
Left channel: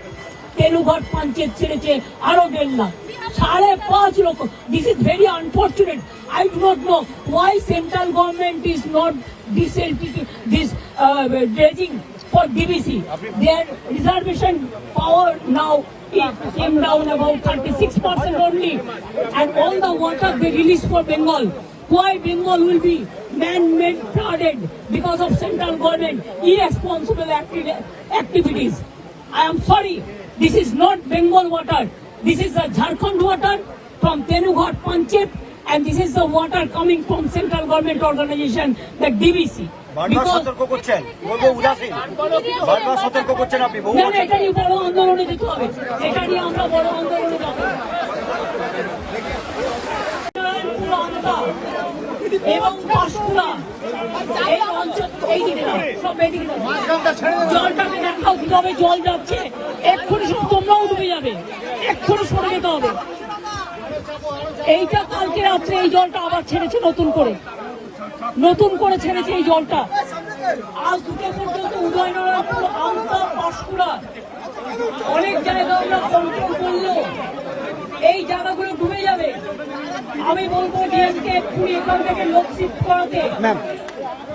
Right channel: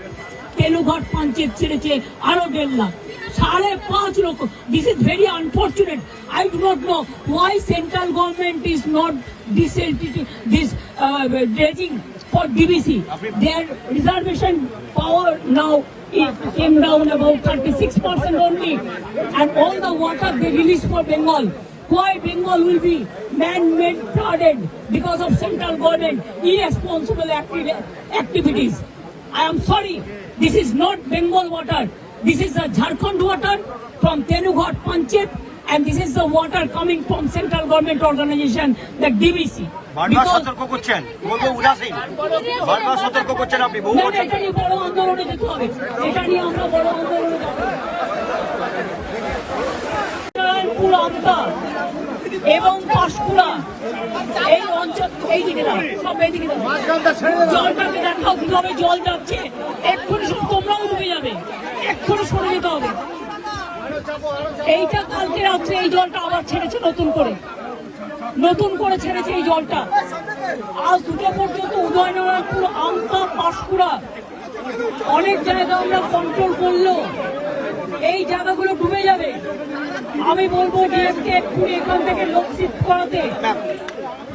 তেলুঘাট পঞ্চায়েত ছেড়েছে আরো 1.5 লাখ, 5.5 লক্ষ। This is very unfortunate. I do not know why central government is not this dredging for DBC. Their reservation power now it came down about 36% only, and all the water they release for Bengal. Why Bengal will be man-made flooded because of central government irresponsible activities? I am sorry, this is not Bengal water. This is the Jharkhand water from Tenughat Panchayat and this is the water coming from central government organization, the DVC. বারবার সতর্ক করছেন, বলবো উদাসীন, বারবার সতর্ক করছেন আপনি। না না, এটা নিয়ে বড় আন্দোলনে যেতে হবে, এটা নিয়ে আমরা বড় আন্দোলনে যাব। আমতা এবং পাঁশকুড়া এই অঞ্চল, এই দিকে সব এদিকে জলটাকে দেখাও কিভাবে জল যাচ্ছে, এক্ষুনি সব তোমরাও ডুবে যাবে, এক্ষুনি সরে যেতে হবে। এইটা কালকে রাত্রে এই জলটা আবার ছেড়েছে নতুন করে ছেড়েছে এই জলটা। আজ দুটো পর্যন্ত উদয়নারায়ণপুর, আমতা, পাঁশকুড়া অনেক জায়গা আমরা কন্ট্রোল করলো, এই জায়গাগুলো ডুবে যাবে। আমি বলবো ডিএমকে এক্ষুনি এখান থেকে লোক শিফট করাতে।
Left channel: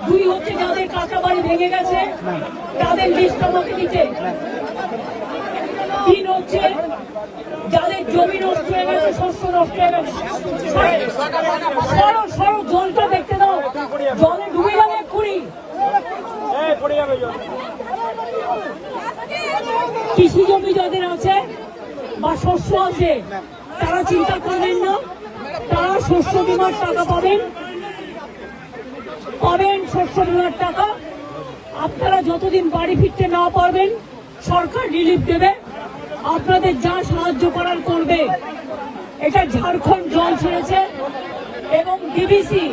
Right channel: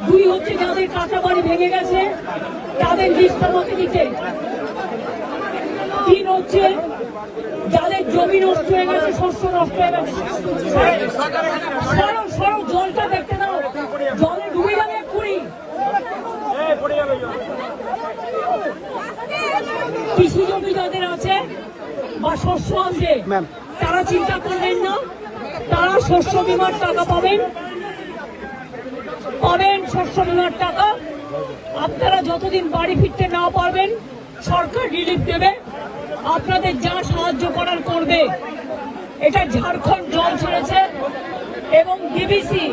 দুই হচ্ছে যাদের কাঁচা বাড়ি ভেঙে গেছে তাদের লিস্ট আমাকে দিতে। তিন হচ্ছে যাদের জমি নষ্ট হয়ে গেছে, শস্য নষ্ট হয়ে গেছে, সরো জলটা দেখতে দাও, জলে ডুবে যাবে এক্ষুনি। কৃষি জমি যাদের আছে বা শস্য আছে তারা চিন্তা করবেন না, তারা শস্য বীমার টাকা পাবেন শস্য বীমার টাকা। আপনারা যতদিন বাড়ি ফিরতে না পারবেন সরকার রিলিফ দেবে, আপনাদের যা সাহায্য করার করবে। এটা ঝাড়খণ্ড জল ছেড়েছে এবং ডিবিসি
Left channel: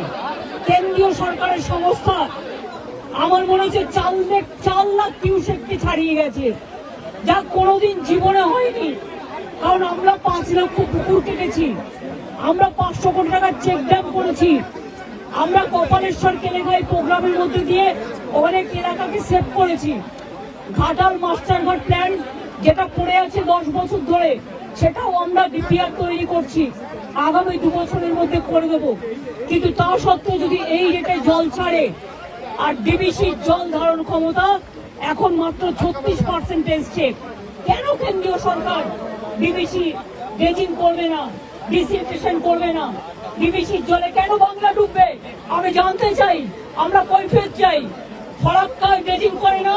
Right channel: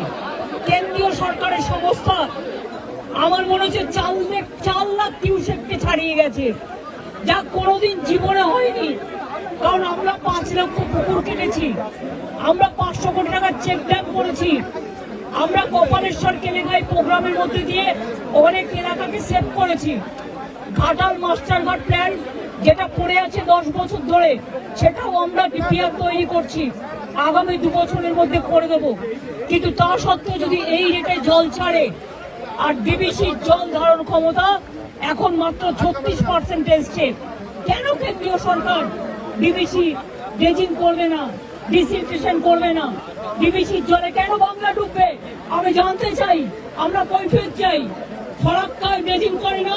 কেন্দ্রীয় সরকারের সংস্থা আমার মনে হচ্ছে 4 লাখ কিউসেককে ছাড়িয়ে গেছে, যা কোনোদিন জীবনে হয়নি। কারণ আমরা 5 লক্ষ পুকুর কেটেছি, আমরা 500 কোটি টাকার চেক ড্যাম করেছি, আমরা কপালেশ্বর কেলেঙ্গাই প্রোগ্রামের মধ্যে দিয়ে অনেক এলাকাকে সেভ করেছি। ঘাটাল মাস্টারঘাট প্ল্যান যেটা পড়ে আছে 10 বছর ধরে, সেটাও আমরা ডিপিআর তৈরি করছি, আগামী 2 বছরের মধ্যে করে দেব। কিন্তু তা সত্ত্বেও যদি এই রেটে জল ছাড়ে, আর ডিবিসির জল ধারণ ক্ষমতা এখন মাত্র 36% এসছে, কেন কেন্দ্রীয় সরকার ডিবিসি ড্রেজিং করবে না, ডিসিলটেশন করবে না? ডিবিসির জলে কেন বাংলা ডুববে আমি জানতে চাই, আমরা কৈফিয়ত চাই। ফরাক্কায় ড্রেজিং করে না,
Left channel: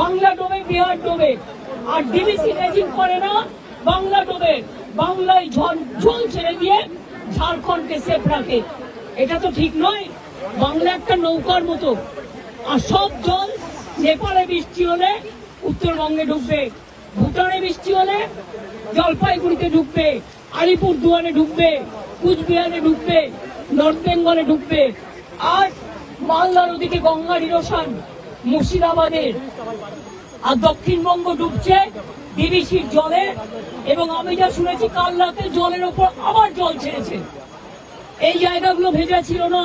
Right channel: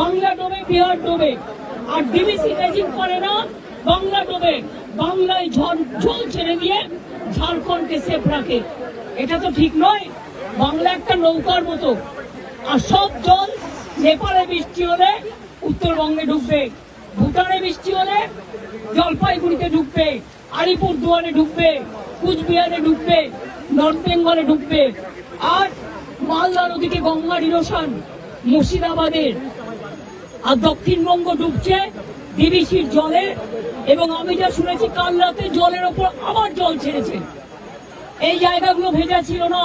বাংলা ডোবে, বিহার ডোবে। আর ডিবিসি ড্রেজিং করে না, বাংলা ডোবে, বাংলায় জল ছেড়ে দিয়ে ঝাড়খণ্ডকে সেফ রাখে। এটা তো ঠিক নয়। বাংলা একটা নৌকার মতো, আর সব জল নেপালে বৃষ্টি হলে উত্তরবঙ্গে ঢুকবে, ভুটানে বৃষ্টি হলে জলপাইগুড়িতে ঢুকবে, আলিপুরদুয়ারে ঢুকবে, কুচবিহারে ঢুকবে, নর্থ বেঙ্গলে ঢুকবে। আর মালদার ওদিকে গঙ্গার ইরোশন মুর্শিদাবাদে, আর দক্ষিণবঙ্গ ডুবছে ডিবিসির জলে। এবং আমি যা শুনেছি কাল রাতে জলের ওপর আবার জল ছেড়েছে। এই জায়গাগুলো ভেজা ছিল না,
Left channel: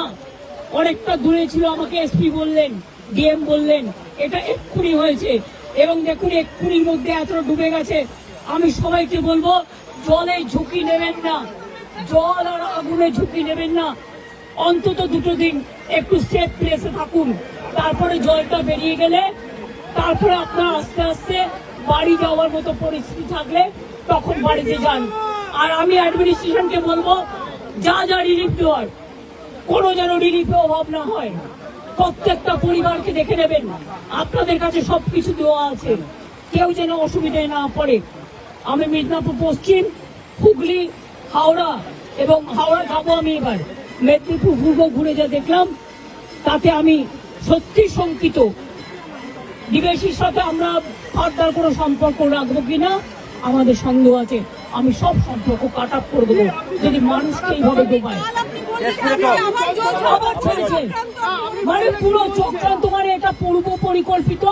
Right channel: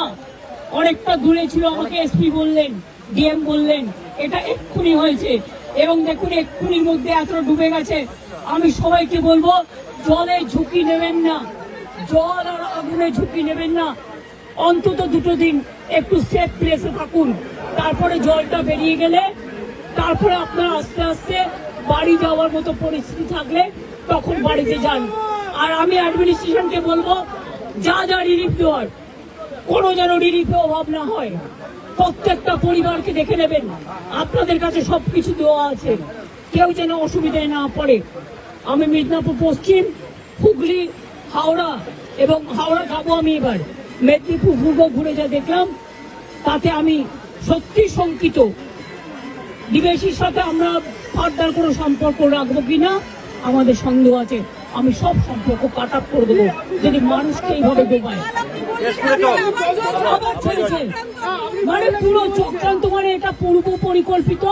অনেকটা দূরে ছিল, আমাকে এসপি বললেন, ডিএম বললেন এটা এক্ষুনি হয়েছে। এবং দেখুন এক্ষুনির মধ্যে এতটা ডুবে গেছে। আমি সবাইকে বলবো জলে ঝুঁকি নেবেন না, জল আর আগুনে ঝুঁকি নেবেন না, অন্তত 2 দিন একটু সেফ প্লেসে থাকুন। তারপরে জলটা বেরিয়ে গেলে তারপরে আপনার আস্তে আস্তে বাড়ি যাওয়ার মতো পরিস্থিতি থাকলে তখন বাড়িতে যান। আর আমি অ্যাডমিনিস্ট্রেশনকে বলবো যা রিলিফ দেওয়ার কোনো যেন রিলিফে অভাব না হয়। প্রত্যেকটা পরিবারকে দেখে নেবেন, আপনাদের কাছে সবকিছু দেওয়া আছে, কেউ যেন অসুবিধায় না পড়ে। আমি মিদনাপুর পশ্চিম, হুগলি, হাওড়া এবং হাওড়া যাবো আমি এবার, মেদিনীপুর পূর্ব ঘুরে যা দেখলাম তাতে আমি সত্যি শঙ্কিত। ডিবিসির সাথে আমরা ফার্দার কোনো সম্পর্ক রাখবো কিনা আমাদের সন্দেহ আছে। আমি সব সম্পর্ক কাট আপ করে দেবো যদি মানুষকে এইভাবে ডোবায়। আবার ছেড়েছে, মানে পুরো চক্রান্ত, মানে এটা পূর্ব পরিকল্পিত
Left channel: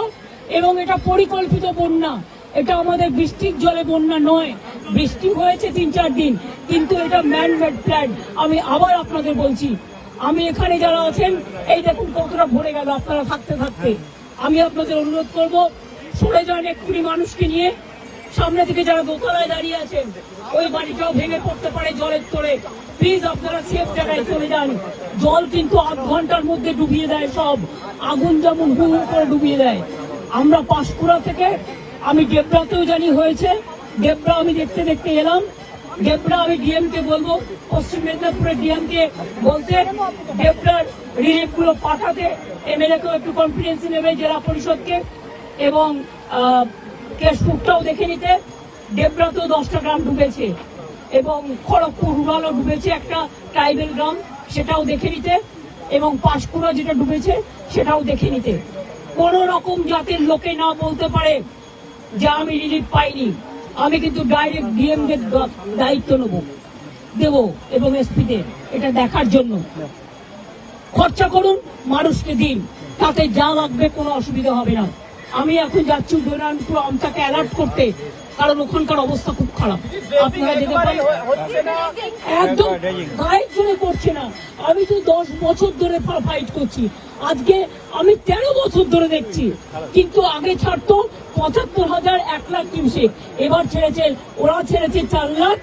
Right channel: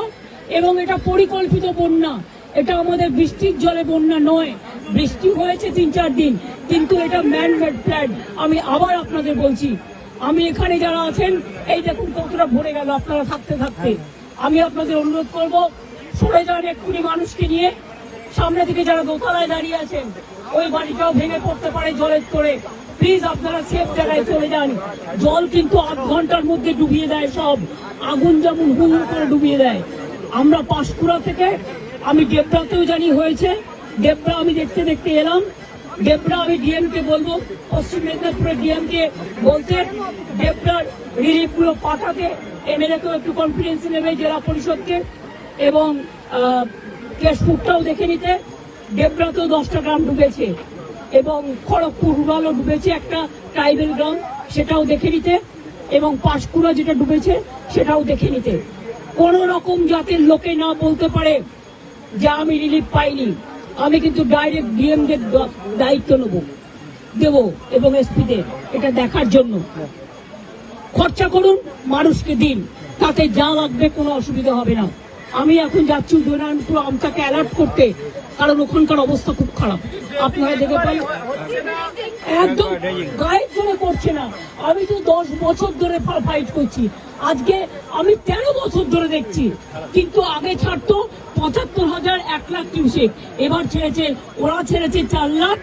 এবং এটা পরিকল্পিত বন্যা। এটা আমাদের বৃষ্টির জলে বন্যা নয়, বৃষ্টি হয়েছে 3-4 দিন, কিন্তু এটা ম্যান মেড প্ল্যান। আমি আবার আপনাদের বলছি, আমি এখানে যারা আছেন এই দেখুন কতটা ভরে গেল আপনারা থাকতে থাকতে। আমি আপনাদের অনুরোধ করবো সরে যান এক্ষুনি মানুষকে নিয়ে। সামনে থেকে যারা দোতলায় দাঁড়িয়ে আছেন ওই বাড়িটাও ভেঙে পড়তে পারে জলের তোড়ে, প্লিজ আপনারা সেফ জায়গায় চলে যান। জল কিন্তু 8 ঘন্টার মধ্যে ডুবিয়ে দেয় সব, আগুন যেমন হু হু করে ডুবিয়ে দেয়। আমরা পাঁশকুড়া থেকে, আমি ডেবরাতেও জানি হয়েছে, ডেবরা আমি দেখতে দেখতে এলাম। ডেবরা আমি ডিএমকে বলবো, পশ্চিম মেদিনীপুরের ডিএমকে বলতে ডেবরার রিলিফগুলো পাঠাতে, এমএলএকেও একটু কনফিডেন্স নেবে, জেলা পরিষদকে, এবং কেশপুরটাও দেখে নিতে। ডেবরাতেও 10টা গ্রাম ডুবেছে এবং খড়গপুর রুরালও ডুবেছে, একটা ট্রাইবেল গ্রাম সেটাও দেখে নিতে, এবং পাঁশকুড়া যেটা ডুবেছে সেটাও দেখে নিতে। কোন রকম জাতের লোকে না বলতে পারে যে আমি রিলিফ পাইনি। আমি কিন্তু ডাইরেক্ট ডিএম দের দায়িত্ব দেব এবং এসপি দের এটা দেখার জন্য। খরচা করুন, মানুষকে দিন, তাতে যা লাগবে কোনো অসুবিধা হবে না। আমি এখন যাচ্ছি উদয়নারায়ণপুর আমটাকে অ্যালার্ট করতে, কারণ ওখানকার অবস্থা খুব খারাপ। আপনারা দেখে পাই একদম গায়ের জন্য করছে না। আমি তো 10 বছর ধরে ফাইট করছি, আজকে আমি 13 বছর ধরে দেখছি। কিন্তু আগে ছাড়তো 75,000 1 লাখ কিউসেক, এবার ছেড়েছে, ওরা ছেড়েছে 4 লাখ,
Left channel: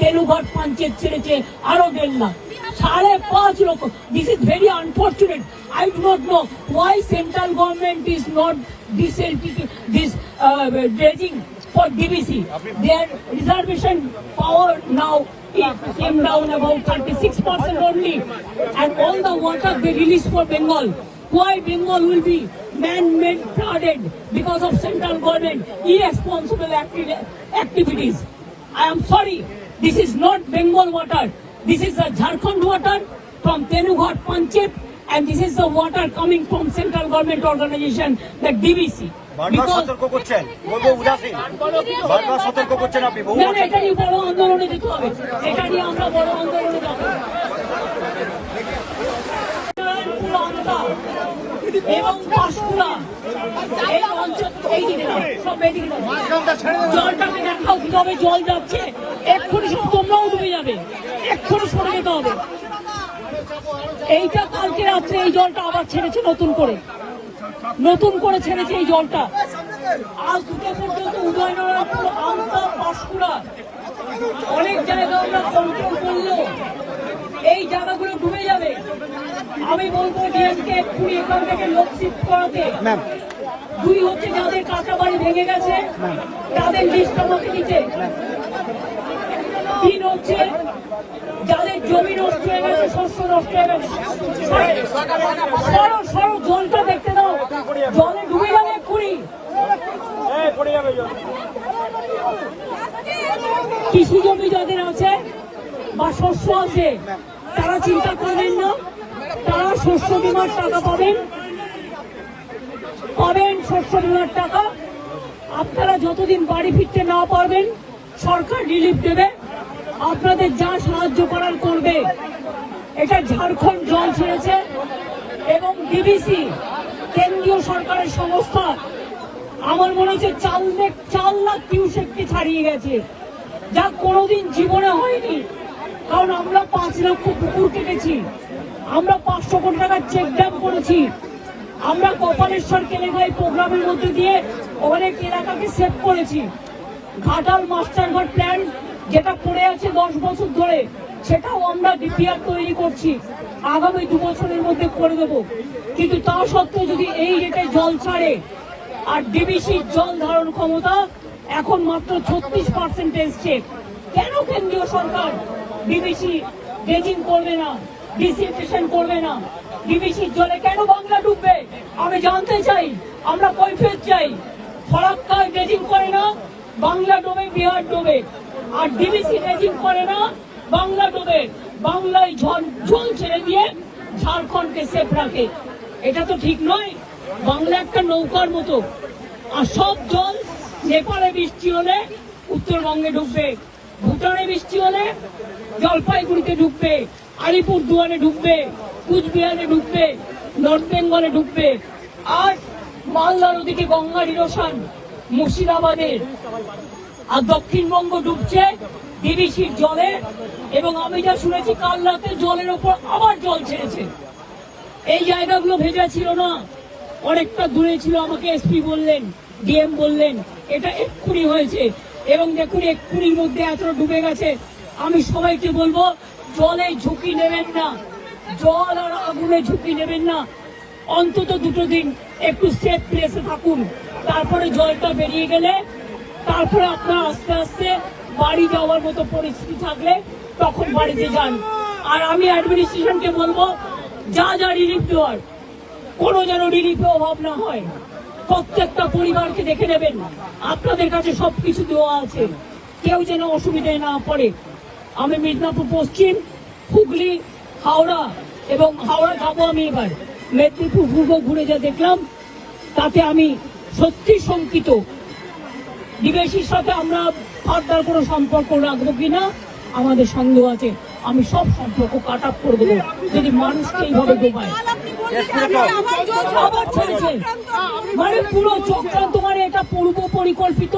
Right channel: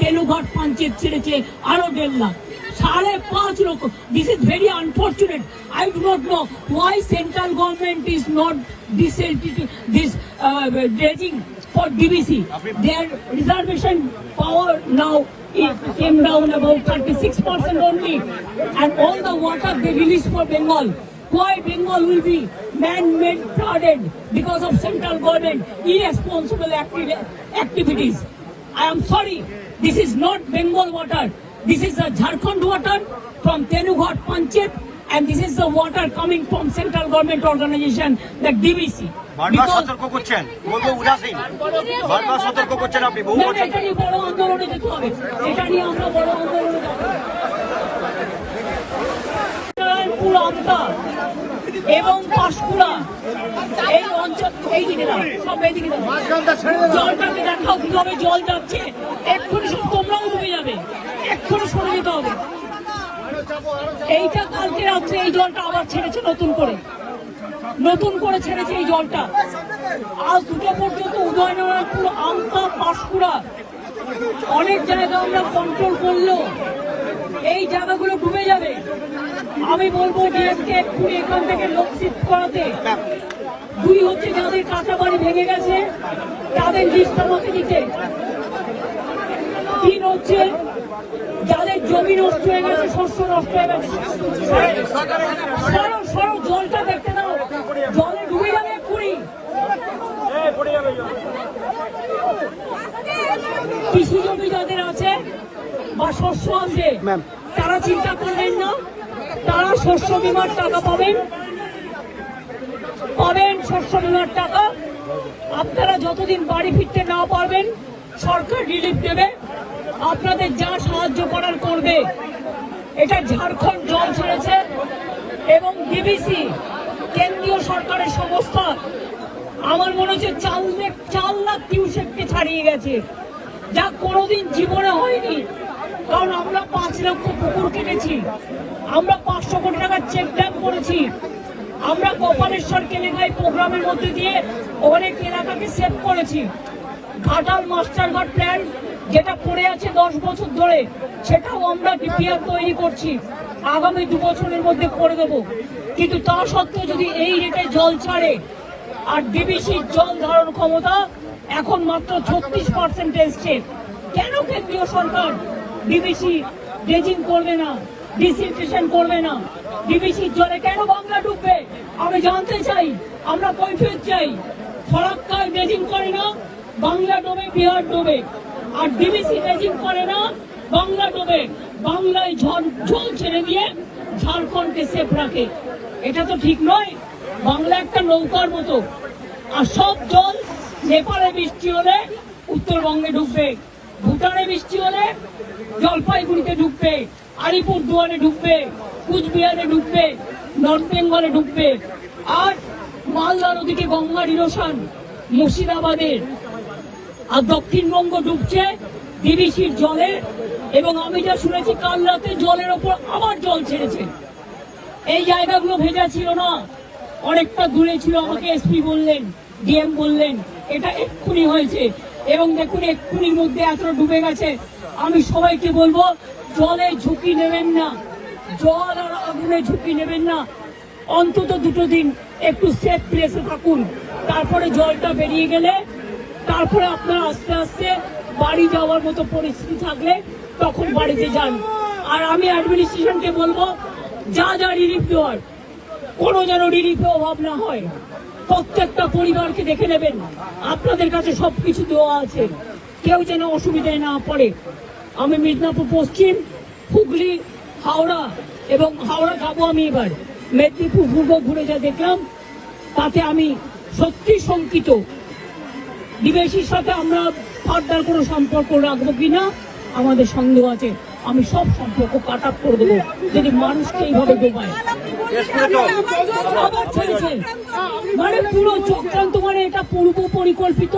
তেলুঘাট পঞ্চায়েত ছেড়েছে আরো 1.5 লাখ, 5.5 লক্ষ। This is very unfortunate. I do not know why central government is not this dredging for DBC. Their reservation power now it came down about 36% only, and all the water they release for Bengal. Why Bengal will be man-made flooded because of central government irresponsible activities? I am sorry, this is not Bengal water. This is the Jharkhand water from Tenughat Panchayat, and this is the water coming from central government organization, the DBC. বারবার সতর্ক করছেন, বলবো উদাসীন। বারবার সতর্ক করছেন আপনি। না, এটা নিয়ে বড় আন্দোলনে যেতে হবে, এটা নিয়ে আমরা বড় আন্দোলনে যাব। এবং পাঁশকুড়া এই অঞ্চল, এই দিকে সব এদিকে জলটাকে দেখাও কিভাবে জল যাচ্ছে। এক্ষুনি সব তোমরাও ডুবে যাবে, এক্ষুনি সরে যেতে হবে। এইটা কালকে রাত্রে এই জলটা আবার ছেড়েছে নতুন করে ছেড়েছে এই জলটা। আজ দুটো পর্যন্ত উদয়নারায়ণপুর, আমতা, পাঁশকুড়া অনেক জায়গা আমরা কন্ট্রোল করলো, এই জায়গাগুলো ডুবে যাবে। আমি বলবো ডিএমকে এক্ষুনি এখান থেকে লোক শিফট করাতে। 2 হচ্ছে যাদের কাঁচা বাড়ি ভেঙে গেছে তাদের লিস্ট আমাকে দিতে। 3 হচ্ছে যাদের জমি নষ্ট হয়ে গেছে, শস্য নষ্ট হয়ে গেছে। সরো জলটা দেখতে দাও, জলে ডুবে যাবে এক্ষুনি। কৃষি জমি যাদের আছে বা শস্য আছে তারা চিন্তা করবেন না, তারা শস্য বীমার টাকা পাবেন, শস্য বীমার টাকা। আপনারা যতদিন বাড়ি ফিরতে না পারবেন সরকার রিলিফ দেবে, আপনাদের যা সাহায্য করার করবে। এটা ঝাড়খণ্ড জল ছেড়েছে এবং ডিবিসি কেন্দ্রীয় সরকারের সংস্থা আমার মনে হচ্ছে 4 লাখ কিউসেককে ছাড়িয়ে গেছে, যা কোনোদিন জীবনে হয়নি। কারণ আমরা 5 লক্ষ পুকুর কেটেছি, আমরা 500 কোটি টাকার চেক ড্যাম করেছি, আমরা কপালেশ্বর কেলেঙ্গাই প্রোগ্রামের মধ্যে দিয়ে অনেক এলাকাকে সেভ করেছি। ঘাটাল মাস্টারঘাট প্ল্যান যেটা পড়ে আছে 10 বছর ধরে, সেটাও আমরা ডিপিআর তৈরি করছি, আগামী 2 বছরের মধ্যে করে দেব। কিন্তু তা সত্ত্বেও যদি এই রেটে জল ছাড়ে, আর ডিবিসির জল ধারণ ক্ষমতা এখন মাত্র 36% এসছে, কেন কেন্দ্রীয় সরকার ডিবিসি ড্রেজিং করবে না, ডিসিলটেশন করবে না? ডিবিসির জলে কেন বাংলা ডুববে আমি জানতে চাই, আমরা কৈফিয়ত চাই। ফরাক্কায় ড্রেজিং করে না, বাংলা ডোবে, বিহার ডোবে। আর ডিবিসি ড্রেজিং করে না, বাংলা ডোবে, বাংলায় জল ছেড়ে দিয়ে ঝাড়খণ্ডকে সেফ রাখে। এটা তো ঠিক নয়। বাংলা একটা নৌকার মতো, আর সব জল নেপালে বৃষ্টি হলে উত্তরবঙ্গে ঢুকবে, ভুটানে বৃষ্টি হলে জলপাইগুড়িতে ঢুকবে, আলিপুরদুয়ারে ঢুকবে, কুচবিহারে ঢুকবে, নর্থ বেঙ্গলে ঢুকবে। আর মালদার ওদিকে গঙ্গার ইরোশন মুর্শিদাবাদে, আর দক্ষিণবঙ্গ ডুবছে ডিবিসির জলে। এবং আমি যা শুনেছি কাল রাতে জলের ওপর আবার জল ছেড়েছে। এই জায়গাগুলো ভেজা ছিল না, অনেকটা দূরে ছিল, আমাকে এসপি বললেন, ডিএম বললেন এটা এক্ষুনি হয়েছে। এবং দেখুন এক্ষুনির মধ্যে এতটা ডুবে গেছে। আমি সবাইকে বলবো জলে ঝুঁকি নেবেন না, জল আর আগুনে ঝুঁকি নেবেন না। অন্তত 2 দিন একটু সেফ প্লেসে থাকুন, তারপরে জলটা বেরিয়ে গেলে তারপরে আপনার আস্তে আস্তে বাড়ি যাওয়ার মতো পরিস্থিতি থাকলে তখন বাড়িতে যান। আর আমি অ্যাডমিনিস্ট্রেশনকে বলবো যা রিলিফ দেওয়ার কোনো যেন রিলিফে অভাব না হয়। প্রত্যেকটা পরিবারকে দেখে নেবেন, আপনাদের কাছে সবকিছু দেওয়া আছে, কেউ যেন অসুবিধায় না পড়ে। আমি মিদনাপুর পশ্চিম হুগলি, হাওড়া এবং হাওড়া যাবো আমি এবার, মেদিনীপুর পূর্ব ঘুরে যা দেখলাম তাতে আমি সত্যি শঙ্কিত। ডিবিসির সাথে আমরা ফার্দার কোনো সম্পর্ক রাখবো কিনা আমাদের সন্দেহ আছে। আমি সব সম্পর্ক কাট আপ করে দেবো যদি মানুষকে এইভাবে ডোবায়। আবার ছেড়েছে, মানে পুরো চক্রান্ত, মানে এটা পূর্ব পরিকল্পিত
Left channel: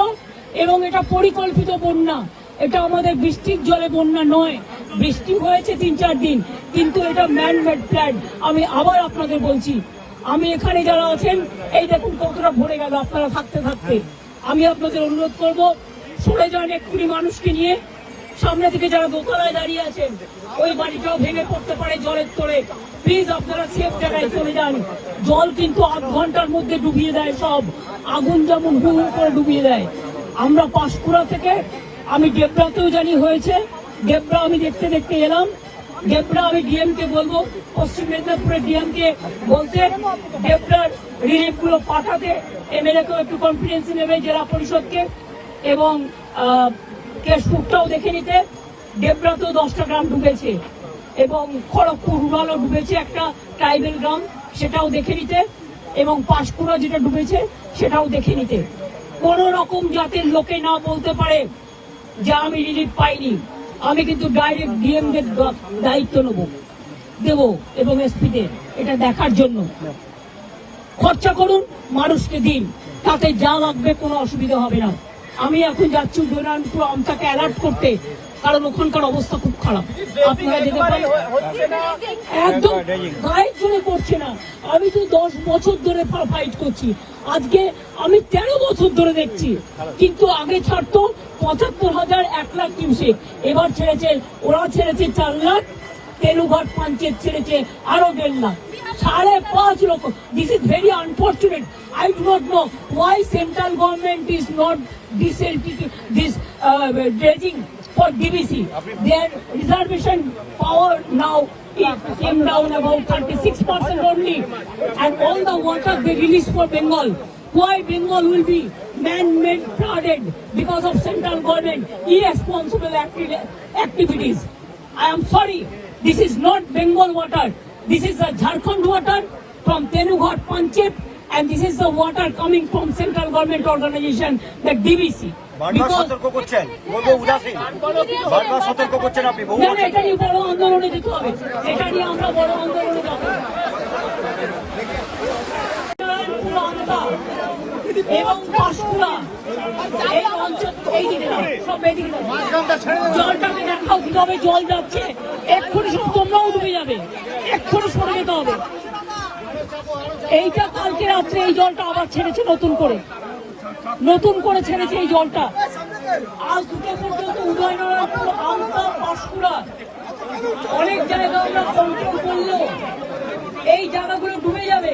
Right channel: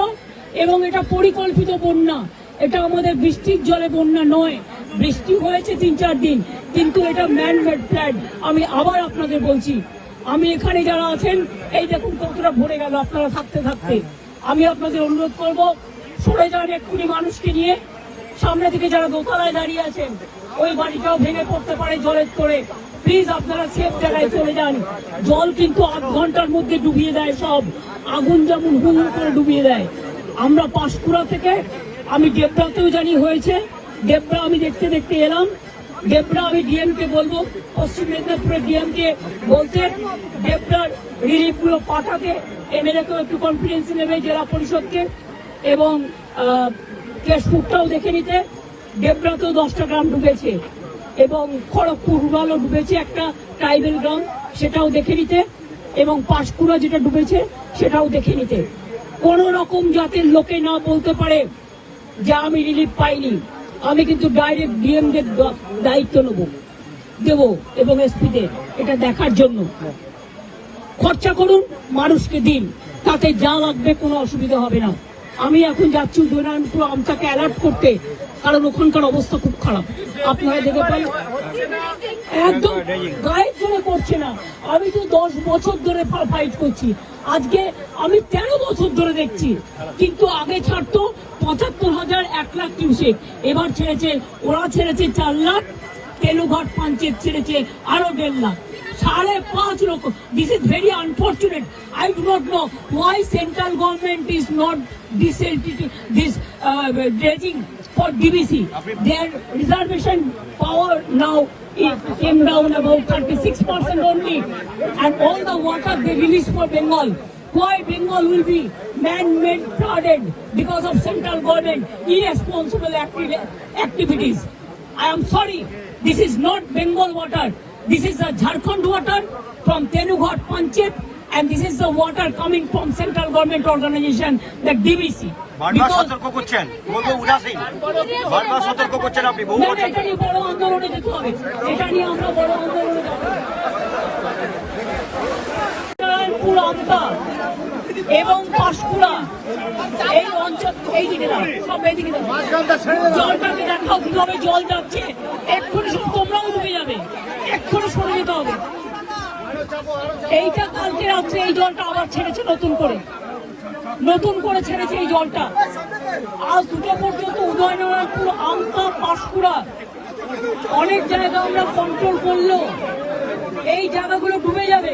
এবং এটা পরিকল্পিত বন্যা। এটা আমাদের বৃষ্টির জলে বন্যা নয়, বৃষ্টি হয়েছে 3-4 দিন, কিন্তু এটা ম্যান মেড প্ল্যান। আমি আবার আপনাদের বলছি, আমি এখানে যারা আছেন এই দেখুন কতটা ভরে গেল আপনারা থাকতে থাকতে। আমি আপনাদের অনুরোধ করব, সরে যান এক্ষুনি মানুষকে নিয়ে। সামনে থেকে যারা দোতলায় দাঁড়িয়ে আছেন, ওই বাড়িটাও ভেঙে পড়তে পারে জলের তোড়ে। প্লিজ আপনারা সেফ জায়গায় চলে যান। জল কিন্তু 8 ঘন্টার মধ্যে ডুবিয়ে দেয় সব, আগুন যেমন হু হু করে ডুবিয়ে দেয়। আমরা পাঁশকুড়া থেকে, আমি ডেবরাতেও জানি হয়েছে, ডেবরা আমি দেখতে দেখতে এলাম। ডেবরা আমি ডিএম কে বলবো, পশ্চিম মেদিনীপুরের ডিএম কে বলতে ডেবরার রিলিফ গুলো পাঠাতে, এমএলএ কেও একটু কনফিডেন্স নেবে, জেলা পরিষদকে, এবং কেশপুরটাও দেখে নিতে। ডেবরাতেও 10টা গ্রাম ডুবেছে এবং খড়গপুর রুরালও ডুবেছে, একটা ট্রাইবেল গ্রাম, সেটাও দেখে নিতে, এবং পাঁশকুড়া যেটা ডুবেছে সেটাও দেখে নিতে। কোন রকম জাতের লোকে না বলতে পারে যে আমি রিলিফ পাইনি। আমি কিন্তু ডাইরেক্ট ডিএম দের দায়িত্ব দেব এবং এসপি দের এটা দেখার জন্য। খরচা করুন, মানুষকে দিন, তাতে যা লাগবে কোনো অসুবিধা হবে না। আমি এখন যাচ্ছি উদয়নারায়ণপুর আমটাকে অ্যালার্ট করতে, কারণ ওখানকার অবস্থা খুব খারাপ। আপনারা দেখতে পান একদম গায়ের জন্য করছে না। আমি তো 10 বছর ধরে ফাইট করছি, আজকে আমি 13 বছর ধরে দেখছি, কিন্তু আগে ছাড়তো 75,000, 1 লাখ কিউসেক, এবার ছেড়েছে, ওরা ছেড়েছে 4 লাখ, তেনুঘাট পঞ্চায়েত ছেড়েছে আরো 1.5 লাখ, 5.5 লক্ষ। This is very unfortunate. I do not know why central government is not this dredging for DBC. Their reservation power now it came down about 36% only, and all the water they release for Bengal. Why Bengal will be man-made flooded because of central government irresponsible activities? I am sorry, this is not Bengal water. This is the Jharkhand water from Tenughat Panchayat, and this is the water coming from central government organization, the DBC. বারবার সতর্ক করছেন, বলবো উদাসীন, বারবার সতর্ক করছেন আপনি। না, এটা নিয়ে বড় আন্দোলনে যেতে হবে, এটা নিয়ে আমরা বড় আন্দোলনে যাব। এবং পাঁশকুড়া এই অঞ্চল, এই দিকে সব এদিকে জলটাকে দেখাও কিভাবে জল যাচ্ছে। এক্ষুনি সব তোমরাও ডুবে যাবে, এক্ষুনি সরে যেতে হবে। এইটা কালকে রাত্রে এই জলটা আবার ছেড়েছে নতুন করে ছেড়েছে এই জলটা। আজ দুটো পর্যন্ত উদয়নারায়ণপুর, আমতা, পাঁশকুড়া অনেক জায়গা আমরা কন্ট্রোল করলো, এই জায়গাগুলো ডুবে যাবে।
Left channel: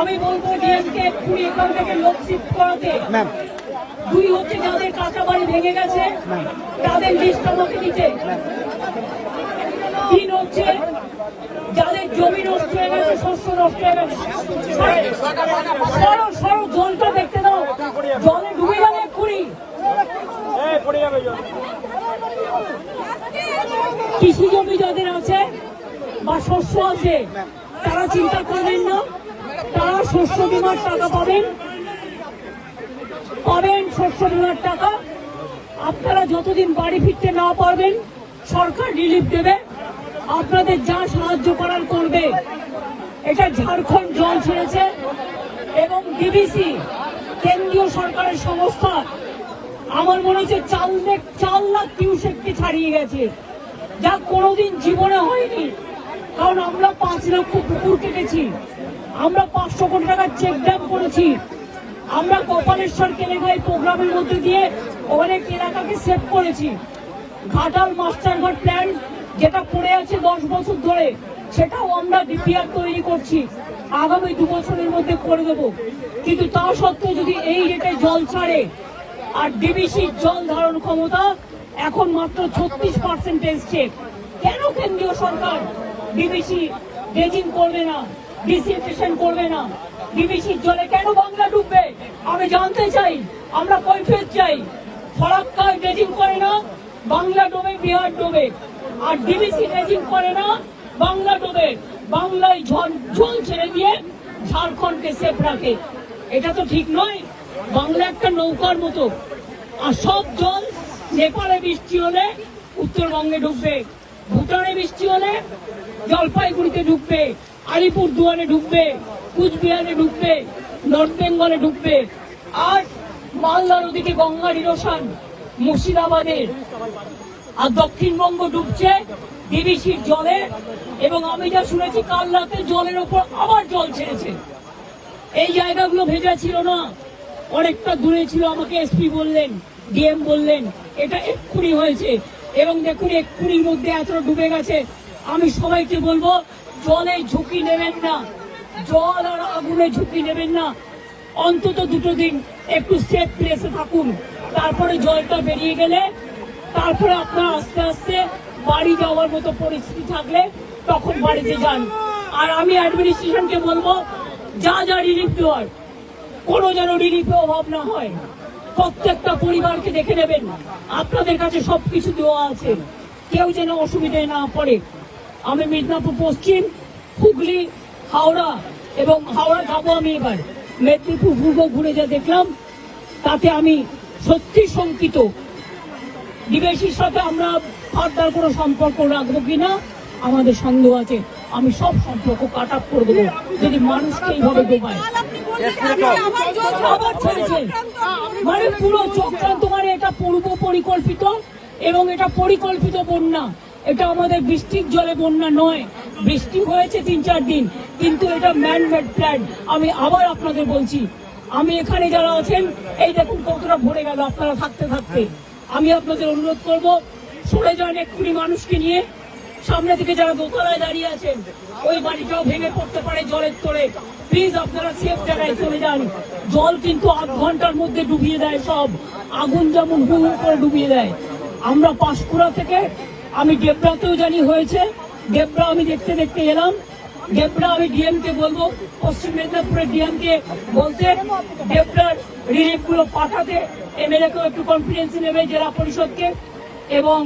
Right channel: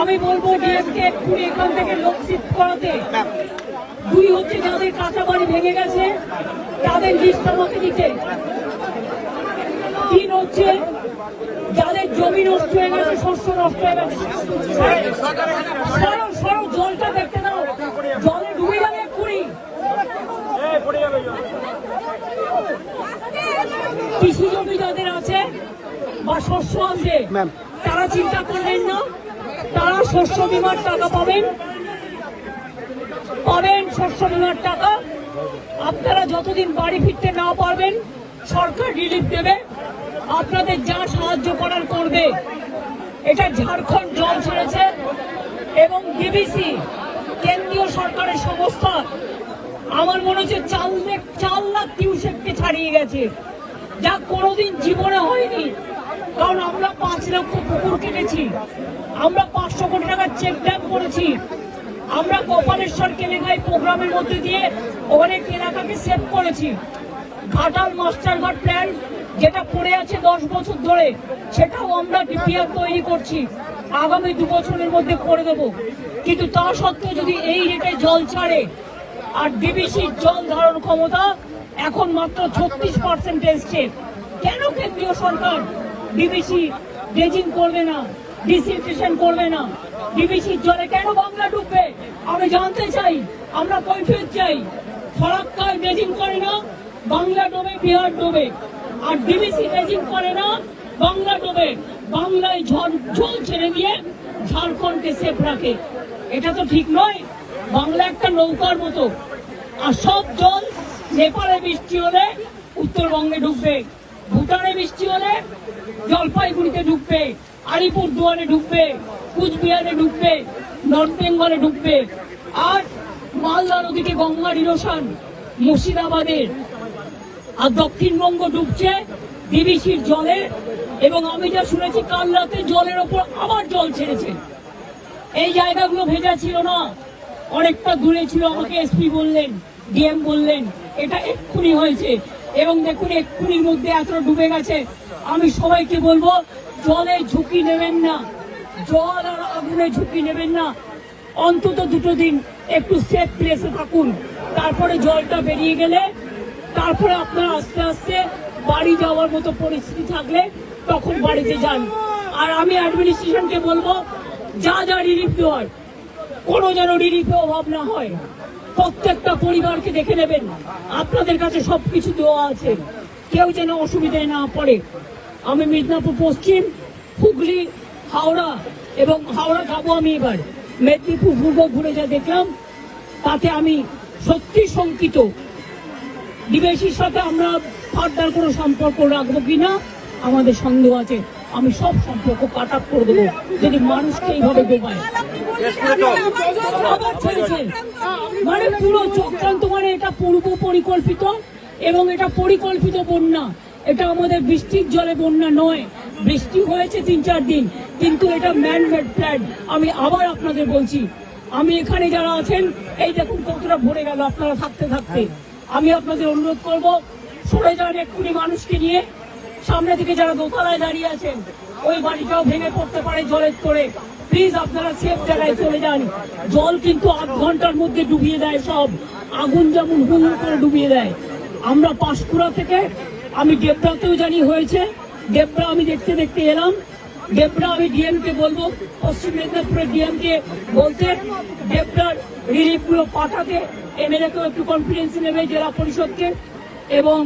আমি বলবো ডিএমকে এক্ষুনি এখান থেকে লোক শিফট করাতে। 2 হচ্ছে যাদের কাঁচা বাড়ি ভেঙে গেছে তাদের লিস্ট আমাকে দিতে। 3 হচ্ছে যাদের জমি নষ্ট হয়ে গেছে, শস্য নষ্ট হয়ে গেছে। সরো জলটা দেখতে দাও, জলে ডুবে যাবে এক্ষুনি। কৃষি জমি যাদের আছে বা শস্য আছে তারা চিন্তা করবেন না, তারা শস্য বীমার টাকা পাবেন, শস্য বীমার টাকা। আপনারা যতদিন বাড়ি ফিরতে না পারবেন সরকার রিলিফ দেবে, আপনাদের যা সাহায্য করার করবে। এটা ঝাড়খণ্ড জল ছেড়েছে এবং ডিবিসি কেন্দ্রীয় সরকারের সংস্থা আমার মনে হচ্ছে 4 লাখ কিউসেককে ছাড়িয়ে গেছে, যা কোনোদিন জীবনে হয়নি। কারণ আমরা 5 লক্ষ পুকুর কেটেছি, আমরা 500 কোটি টাকার চেক ড্যাম করেছি, আমরা গোপালেশ্বর কেলেঘাই প্রোগ্রামের মধ্যে দিয়ে অনেক এলাকাকে সেভ করেছি। ঘাটাল মাস্টারঘাট প্ল্যান যেটা পড়ে আছে 10 বছর ধরে, সেটাও আমরা ডিপিআর তৈরি করছি, আগামী 2 বছরের মধ্যে করে দেব। কিন্তু তা সত্ত্বেও যদি এই রেটে জল ছাড়ে, আর ডিবিসির জল ধারণ ক্ষমতা এখন মাত্র 36% এসছে, কেন কেন্দ্রীয় সরকার ডিবিসি ড্রেজিং করবে না, ডিসিনফেকশন করবে না? ডিবিসির জলে কেন বাংলা ডুববে আমি জানতে চাই, আমরা কৈফিয়ত চাই। ফরাক্কায় ড্রেজিং করে না, বাংলা ডোবে, বিহার ডোবে। আর ডিবিসি রেজিং করে না, বাংলা ডোবে, বাংলায় জল ছেড়ে দিয়ে ঝাড়খণ্ডকে সেফ রাখে। এটা তো ঠিক নয়। বাংলা একটা নৌকার মতো, আর সব জল নেপালে বৃষ্টি হলে উত্তরবঙ্গে ঢুকবে, ভুটানে বৃষ্টি হলে জলপাইগুড়িতে ঢুকবে, আলিপুরদুয়ারে ঢুকবে, কুচবিহারে ঢুকবে, নর্থ বেঙ্গলে ঢুকবে। আর মালদা নদীতে গঙ্গার ইরোশন মুর্শিদাবাদে, আর দক্ষিণবঙ্গ ডুবছে ডিবিসির জলে। এবং আমি যা শুনেছি কাল রাতে জলের ওপর আবার জল ছেড়েছে। এই জায়গাগুলো ভেজা ছিল না, অনেকটা দূরে ছিল। আমাকে এসপি বললেন, ডিএম বললেন এটা এক্ষুনি হয়েছে। এবং দেখুন এক্ষুনির মধ্যে এতটা ডুবে গেছে। আমি সবাইকে বলবো জলে ঝুঁকি নেবেন না, জল আর আগুনে ঝুঁকি নেবেন না। অন্তত 2 দিন একটু সেফ প্লেসে থাকুন। তারপরে জলটা বেরিয়ে গেলে তারপরে আপনার আস্তে আস্তে বাড়ি যাওয়ার মতো পরিস্থিতি থাকলে তখন বাড়িতে যান। আর আমি অ্যাডমিনিস্ট্রেশনকে বলবো যা যা রিলিফ দেওয়ার, কোনো যেন রিলিফে অভাব না হয়। প্রত্যেকটা পরিবারকে দেখে নেবেন, আপনাদের কাছে সবকিছু দেওয়া আছে, কেউ যেন অসুবিধায় না পড়ে। আমি মিদনাপুর পশ্চিম, হুগলি, হাওড়া এবং হাওড়া যাবো আমি এবার। মেদিনীপুর পূর্ব ঘুরে যা দেখলাম তাতে আমি সত্যি শঙ্কিত। ডিবিসির সাথে আমরা ফার্দার কোনো সম্পর্ক রাখবো কিনা আমাদের সন্দেহ আছে। আমি সব সম্পর্ক কাট আপ করে দেবো যদি মানুষকে এইভাবে ডোবায়। আবার ছেড়েছে, মানে পুরো চক্রান্ত, মানে এটা পূর্ব পরিকল্পিত এবং এটা পরিকল্পিত বন্যা। এটা আমাদের বৃষ্টির জলে বন্যা নয়। বৃষ্টি হয়েছে 3-4 দিন, কিন্তু এটা ম্যান মেড প্ল্যান। আমি আবার আপনাদের বলছি, আমি এখানে যারা আছেন এই দেখুন কতটা ভরে গেল আপনারা থাকতে থাকতে। আমি আপনাদের অনুরোধ করবো সরে যান এক্ষুনি মানুষকে নিয়ে। সামনে থেকে যারা দোতলায় দাঁড়িয়ে আছেন ওই বাড়িটাও ভেঙে পড়তে পারে জলের তোড়ে। প্লিজ আপনারা সেফ জায়গায় চলে যান। জল কিন্তু 8 ঘন্টার মধ্যে ডুবিয়ে দেয় সব, আগুন যেমন হু হু করে ডুবিয়ে দেয়। আমরা পাঁশকুড়া থেকে, আমি ডেবরাতেও জানি হয়েছে, ডেবরা আমি দেখতে দেখতে এলাম। ডেবরা আমি ডিএম কে বলবো, পশ্চিম মেদিনীপুরের ডিএম কে বলতে ডেবরার রিলিফ গুলো পাঠাতে, এমএলএ কেও একটু কনফিডেন্স নেবে, জেলা পরিষদকে, এবং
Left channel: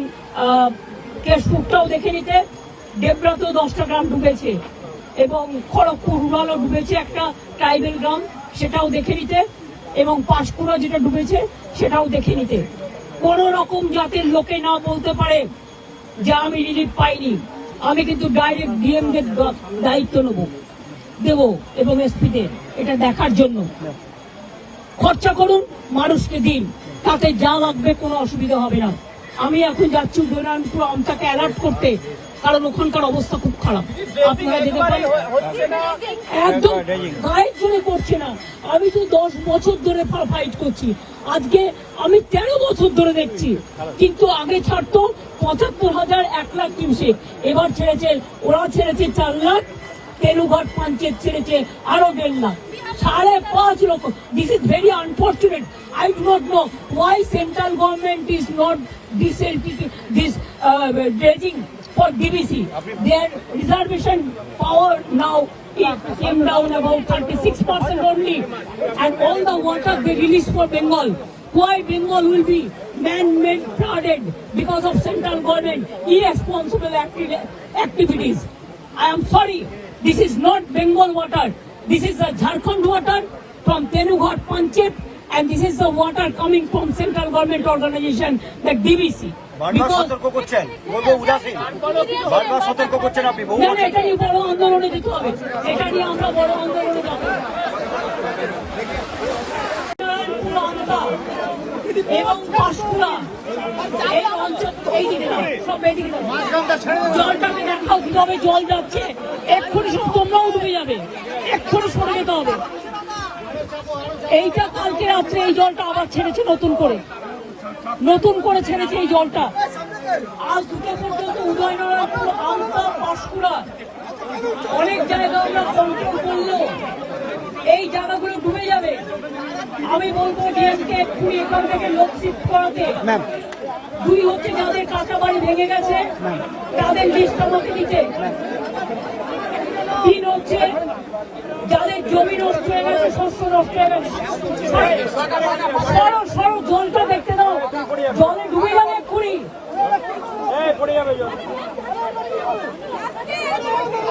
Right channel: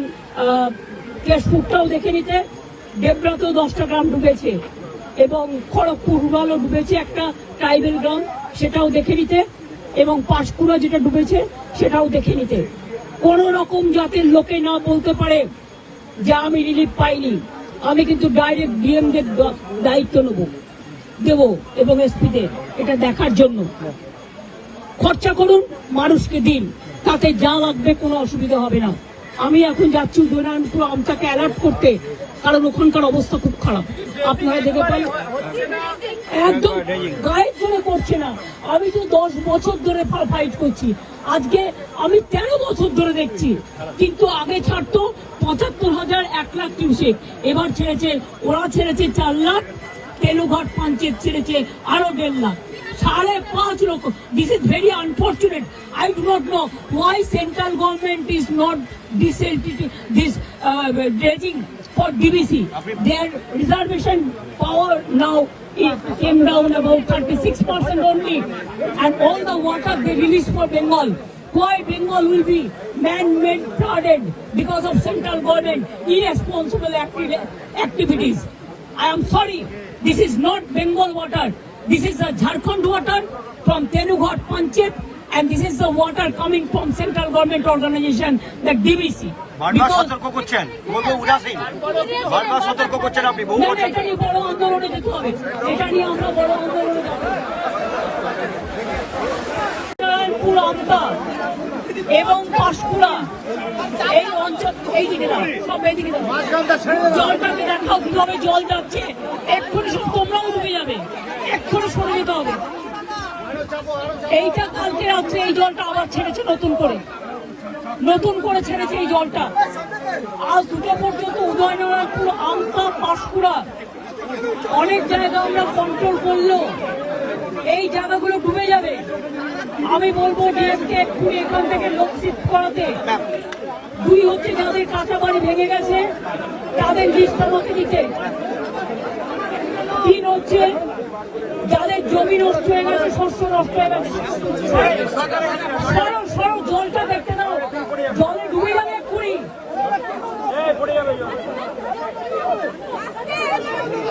কেশপুরটাও দেখে নিতে। ডেবরাতেও 10টা গ্রাম ডুবেছে এবং খড়গপুর রুরালও ডুবেছে, একটা ট্রাইবেল গ্রাম, সেটাও দেখে নিতে। এবং পাঁশকুড়া যেটা ডুবেছে সেটাও দেখে নিতে। কোন রকম জাতের লোকে না বলতে পারে যে আমি রিলিফ পাইনি। আমি কিন্তু ডাইরেক্ট ডিএম দের দায়িত্ব দেব এবং এসপিদের এটা দেখার জন্য। খরচা করুন, মানুষকে দিন, তাতে যা লাগবে কোনো অসুবিধা হবে না। আমি এখন যাচ্ছি উদয়নারায়ণপুর আমটাকে অ্যালার্ট করতে, কারণ ওখানকার অবস্থা খুব খারাপ। আপনারা দেখে পান একদম গায়ের জন্য করছে না। আমি তো 10 বছর ধরে ফাইট করছি, আজকে আমি 13 বছর ধরে দেখছি। কিন্তু আগে ছাড়তো 75,000, 1 লাখ কিউসেক, এবার ছেড়েছে, ওরা ছেড়েছে 4 লাখ, তেনুঘাট পঞ্চায়েত ছেড়েছে আরো 1.5 লাখ, 5.5 লক্ষ। This is very unfortunate. I do not know why central government is not this dredging for DBC. Their reservation power now it came down about 36% only, and all the water they release for Bengal. Why Bengal will be man-made flooded because of central government irresponsible activities? I am sorry, this is not Bengal water. This is the Jharkhand water from Tenughat Panchayat, and this is the water coming from central government organization, the DBC. বারবার সতর্ক করছেন, বলবো উদাসীন, বারবার সতর্ক করছেন আপনি। না না, এটা নিয়ে বড় আন্দোলনে যেতে হবে, এটা নিয়ে আমরা বড় আন্দোলনে যাব। এবং পাঁশকুড়া এই অঞ্চল, এই দিকে সব এদিকে জলটাকে দেখাও কিভাবে জল যাচ্ছে। এক্ষুনি সব তোমরাও ডুবে যাবে, এক্ষুনি সরে যেতে হবে। এইটা কালকে রাত্রে এই জলটা আবার ছেড়েছে নতুন করে ছেড়েছে এই জলটা। আজ 2টা পর্যন্ত উদয়নারায়ণপুর, আমতা, পাঁশকুড়া অনেক জায়গা আমরা কন্ট্রোল করলো, এই জায়গাগুলো ডুবে যাবে। আমি বলবো ডিএমকে এক্ষুনি এখান থেকে লোক শিফট করাতে। 2 হচ্ছে যাদের কাঁচা বাড়ি ভেঙে গেছে তাদের লিস্ট আমাকে দিতে। 3 হচ্ছে যাদের জমি নষ্ট হয়ে গেছে, শস্য নষ্ট হয়ে গেছে। সরো জলটা দেখতে দাও, জলে ডুবে যাবে এক্ষুনি।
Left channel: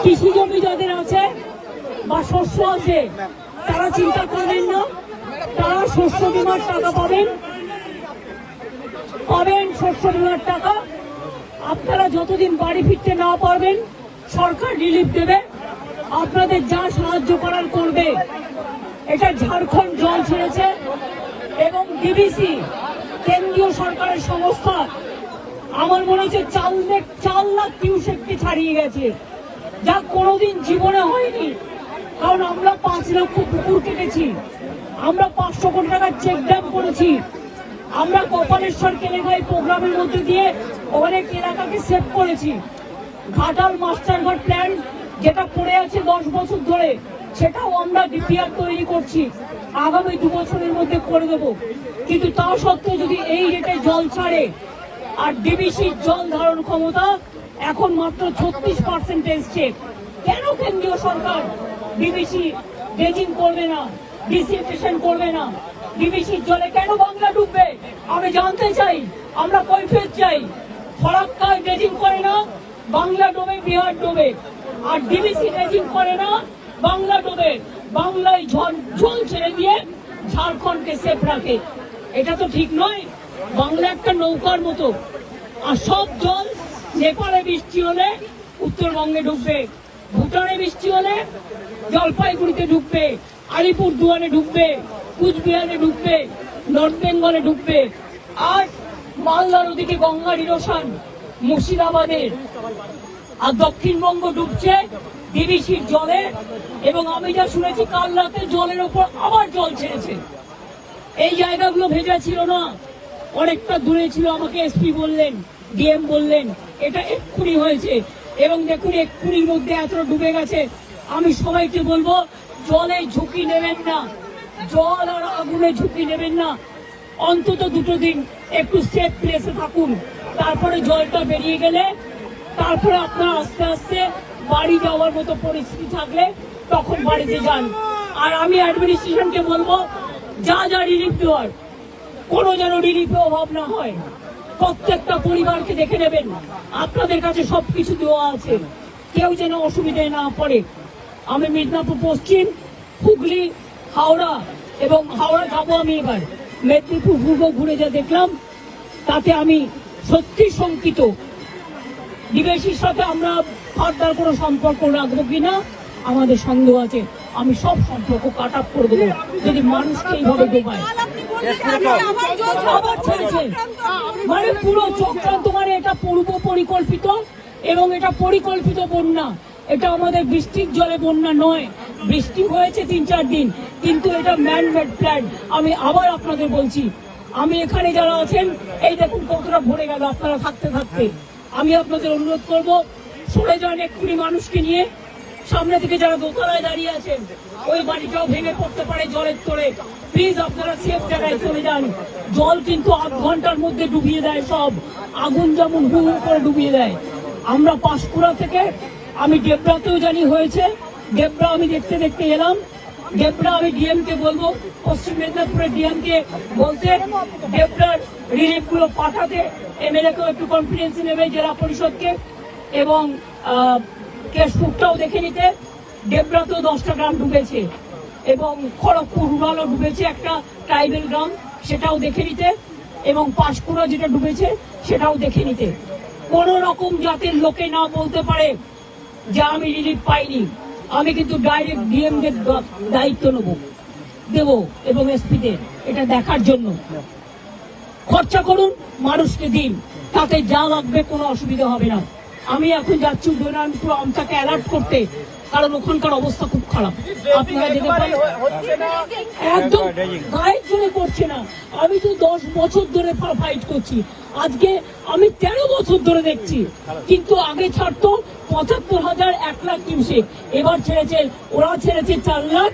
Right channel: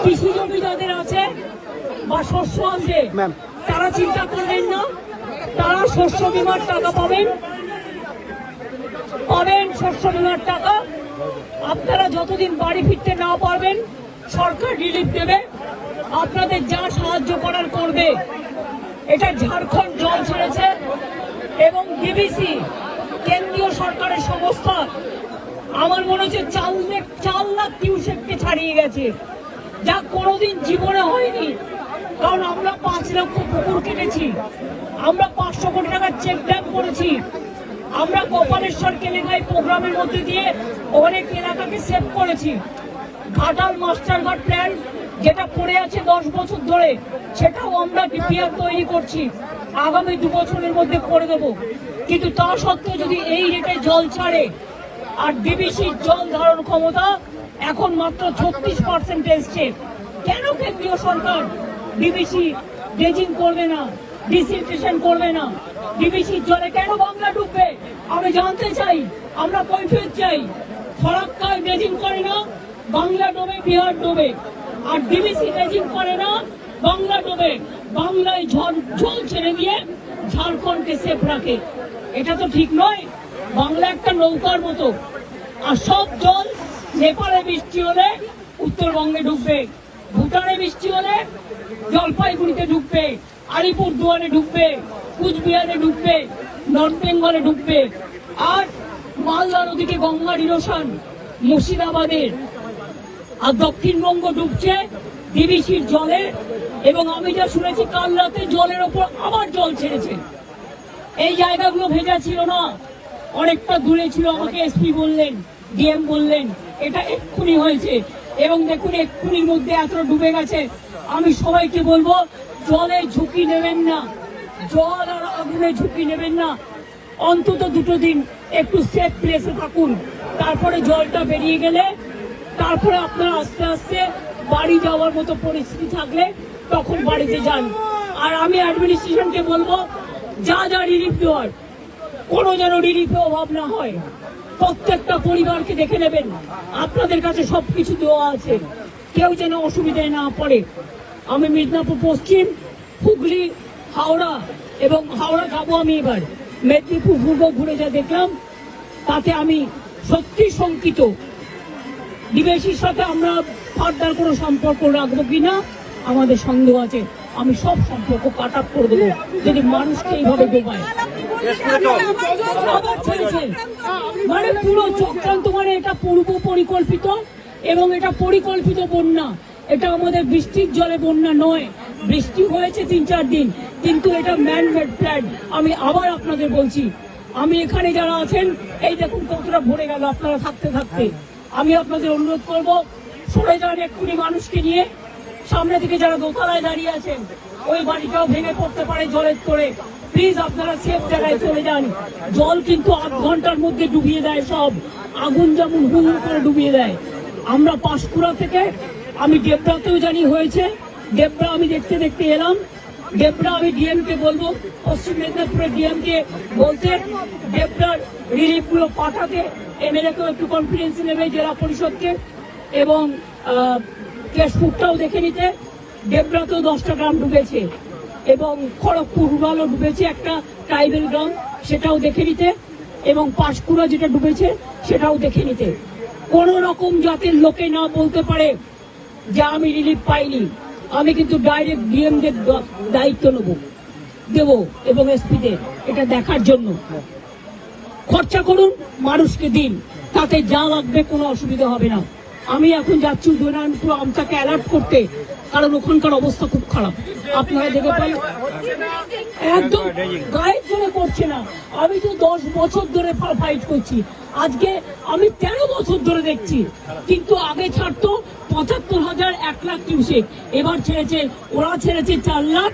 কৃষি জমি যাদের আছে বা শস্য আছে তারা চিন্তা করবেন না, তারা শস্য বীমার টাকা পাবেন শস্য বীমার টাকা। আপনারা যতদিন বাড়ি ফিরতে না পারবেন সরকার রিলিফ দেবে, আপনাদের যা সাহায্য করার করবে। এটা ঝাড়খণ্ড জল ছেড়েছে এবং ডিবিসি কেন্দ্রীয় সরকারের সংস্থা আমার মনে হচ্ছে 4 লাখ কিউসেককে ছাড়িয়ে গেছে, যা কোনোদিন জীবনে হয়নি। কারণ আমরা 5 লক্ষ পুকুর কেটেছি, আমরা 500 কোটি টাকার চেক ড্যাম করেছি, আমরা গোপালেশ্বর কেলেঙ্গাই প্রোগ্রামের মধ্যে দিয়ে অনেক এলাকাকে সেভ করেছি। ঘাটাল মাস্টারঘাট প্ল্যান যেটা পড়ে আছে 10 বছর ধরে, সেটাও আমরা ডিপিআর তৈরি করছি, আগামী 2 বছরের মধ্যে করে দেব। কিন্তু তা সত্ত্বেও যদি এই রেটে জল ছাড়ে আর ডিবিসির জল ধারণ ক্ষমতা এখন মাত্র 36% এসছে, কেন কেন্দ্রীয় সরকার ডিবিসি ড্রেজিং করবে না, ডিসিলটেশন করবে না? ডিবিসির জলে কেন বাংলা ডুববে আমি জানতে চাই, আমরা কৈফিয়ত চাই। ফরাক্কায় ড্রেজিং করে না, বাংলা ডোবে, বিহার ডোবে। আর ডিবিসি ড্রেজিং করে না, বাংলা ডোবে, বাংলায় জল ছেড়ে দিয়ে ঝাড়খণ্ডকে সেফ রাখে। এটা তো ঠিক নয়। বাংলা একটা নৌকার মতো, আর সব জল নেপালে বৃষ্টি হলে উত্তরবঙ্গে ঢুকবে, ভুটানে বৃষ্টি হলে জলপাইগুড়িতে ঢুকবে, আলিপুরদুয়ারে ঢুকবে, কুচবিহারে ঢুকবে, নর্থ বেঙ্গলে ঢুকবে। আর মালদার ওদিকে গঙ্গার ইরোশন মুর্শিদাবাদের, আর দক্ষিণবঙ্গ ডুবছে ডিবিসির জলে। এবং আমি যা শুনেছি কাল রাতে জলের ওপর আবার জল ছেড়েছে। এই জায়গাগুলো ভেজা ছিল না, অনেকটা দূরে ছিল, আমাকে এসপি বললেন, ডিএম বললেন এটা এক্ষুনি হয়েছে। এবং দেখুন এক্ষুনির মধ্যে এতটা ডুবে গেছে। আমি সবাইকে বলবো জলে ঝুঁকি নেবেন না, জল আর আগুনে ঝুঁকি নেবেন না। অন্তত 2 দিন একটু সেফ প্লেসে থাকুন, তারপরে জলটা বেরিয়ে গেলে তারপরে আপনারা আস্তে আস্তে বাড়ি যাওয়ার মতো পরিস্থিতি থাকলে তখন বাড়িতে যান। আর আমি অ্যাডমিনিস্ট্রেশনকে বলবো যা যা রিলিফ দেওয়ার কোনো যেন রিলিফে অভাব না হয়। প্রত্যেকটা পরিবারকে দেখে নেবেন, আপনাদের কাছে সবকিছু দেওয়া আছে, কেউ যেন অসুবিধায় না পড়ে। আমি মিদনাপুর পশ্চিম, হুগলি, হাওড়া এবং হাওড়া যাবো আমি এবার, মেদিনীপুর পূর্ব ঘুরে যা দেখলাম তাতে আমি সত্যি শঙ্কিত। ডিবিসির সাথে আমরা ফার্দার কোনো সম্পর্ক রাখবো কিনা আমাদের সন্দেহ আছে। আমি সব সম্পর্ক কাট আপ করে দেবো যদি মানুষকে এইভাবে ডোবায়। আবার ছেড়েছে, মানে পুরো চক্রান্ত, মানে এটা পূর্ব পরিকল্পিত এবং এটা পরিকল্পিত বন্যা। এটা আমাদের বৃষ্টির জলে বন্যা নয়, বৃষ্টি হয়েছে 3-4 দিন, কিন্তু এটা ম্যান মেড প্ল্যান। আমি আবার আপনাদের বলছি, আমি এখানে যারা আছেন এই দেখুন কতটা ভরে গেল আপনারা থাকতে থাকতে। আমি আপনাদের অনুরোধ করবো সরে যান এক্ষুনি মানুষকে নিয়ে। সামনে থেকে যারা দোতলায় দাঁড়িয়ে আছেন ওই বাড়িটাও ভেঙে পড়তে পারে জলের তোড়ে, প্লিজ আপনারা সেফ জায়গায় চলে যান। জল কিন্তু 8 ঘন্টার মধ্যে ডুবিয়ে দেয় সব, আগুন যেমন হু হু করে ডুবিয়ে দেয়। আমরা পাঁশকুড়া থেকে, আমি ডেবরাতেও জানি হয়েছে, ডেবরা আমি দেখতে দেখতে এলাম। ডেবরা আমি ডিএম কে বলবো, পশ্চিম মেদিনীপুরের ডিএম কে বলতে ডেবরার রিলিফ গুলো পাঠাতে, এমএলএ কেও একটু কনফিডেন্স নেবে, জেলা পরিষদকে, এবং কেশপুরটাও দেখে নিতে। ডেবরাতেও 10টা গ্রাম ডুবেছে এবং খড়গপুর রুরালও ডুবেছে, একটা ট্রাইবেল গ্রাম, সেটাও দেখে নিতে। এবং পাঁশকুড়া যেটা ডুবেছে সেটাও দেখে নিতে। কোন রকম জাতের লোকে না বলতে পারে যে আমি রিলিফ পাইনি। আমি কিন্তু ডাইরেক্ট ডিএম দের দায়িত্ব দেব এবং এসপিদের এটা দেখার জন্য। খরচা করুন, মানুষকে দিন, তাতে যা লাগবে কোনো অসুবিধা হবে না। আমি এখন যাচ্ছি উদয়নারায়ণপুর আমটাকে অ্যালার্ট করতে, কারণ ওখানকার অবস্থা খুব খারাপ। আপনারা দেখে পান একদম গায়ের জন্য করছে না। আমি তো 10 বছর ধরে ফাইট করছি, আজকে আমি 13 বছর ধরে দেখছি। কিন্তু আগে ছাড়তো 75,000, 1 লাখ কিউসেক, এবার ছেড়েছে, ওরা ছেড়েছে 4 লাখ,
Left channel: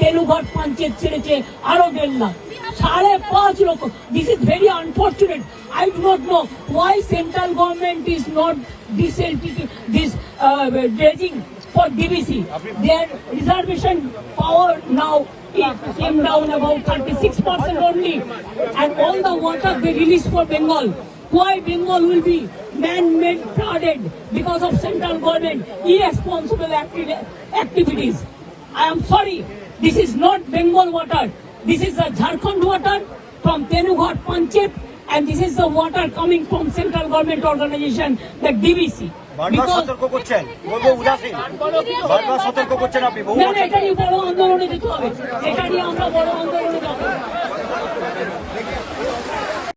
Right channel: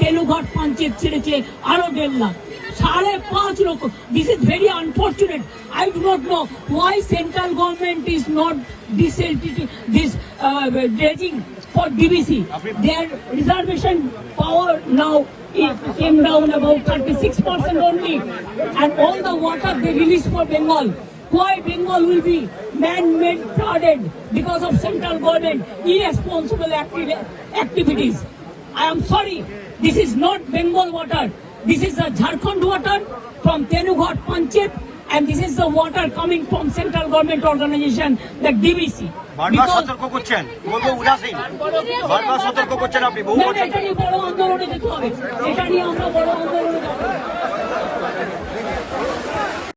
তেলুঘাট পঞ্চায়েত ছেড়েছে আরো 1.5 লাখ, 5.5 লক্ষ। This is very unfortunate. I do not know why central government is not this dredging for DBC. Their reservation power now it came down about 36% only, and all the water they release for Bengal. Why Bengal will be man-made flooded because of central government irresponsible activities. I am sorry, this is not Bengal water. This is the Jharkhand water from Tenughat Panchayat, and this is the water coming from central government organization, the DVC. বারবার সতর্ক করছেন, বলবো উদাসীন। বারবার সতর্ক করছেন আপনি, বহু না, এটা নিয়ে বড় আন্দোলনে যেতে হবে, এটা নিয়ে আমরা বড় আন্দোলনে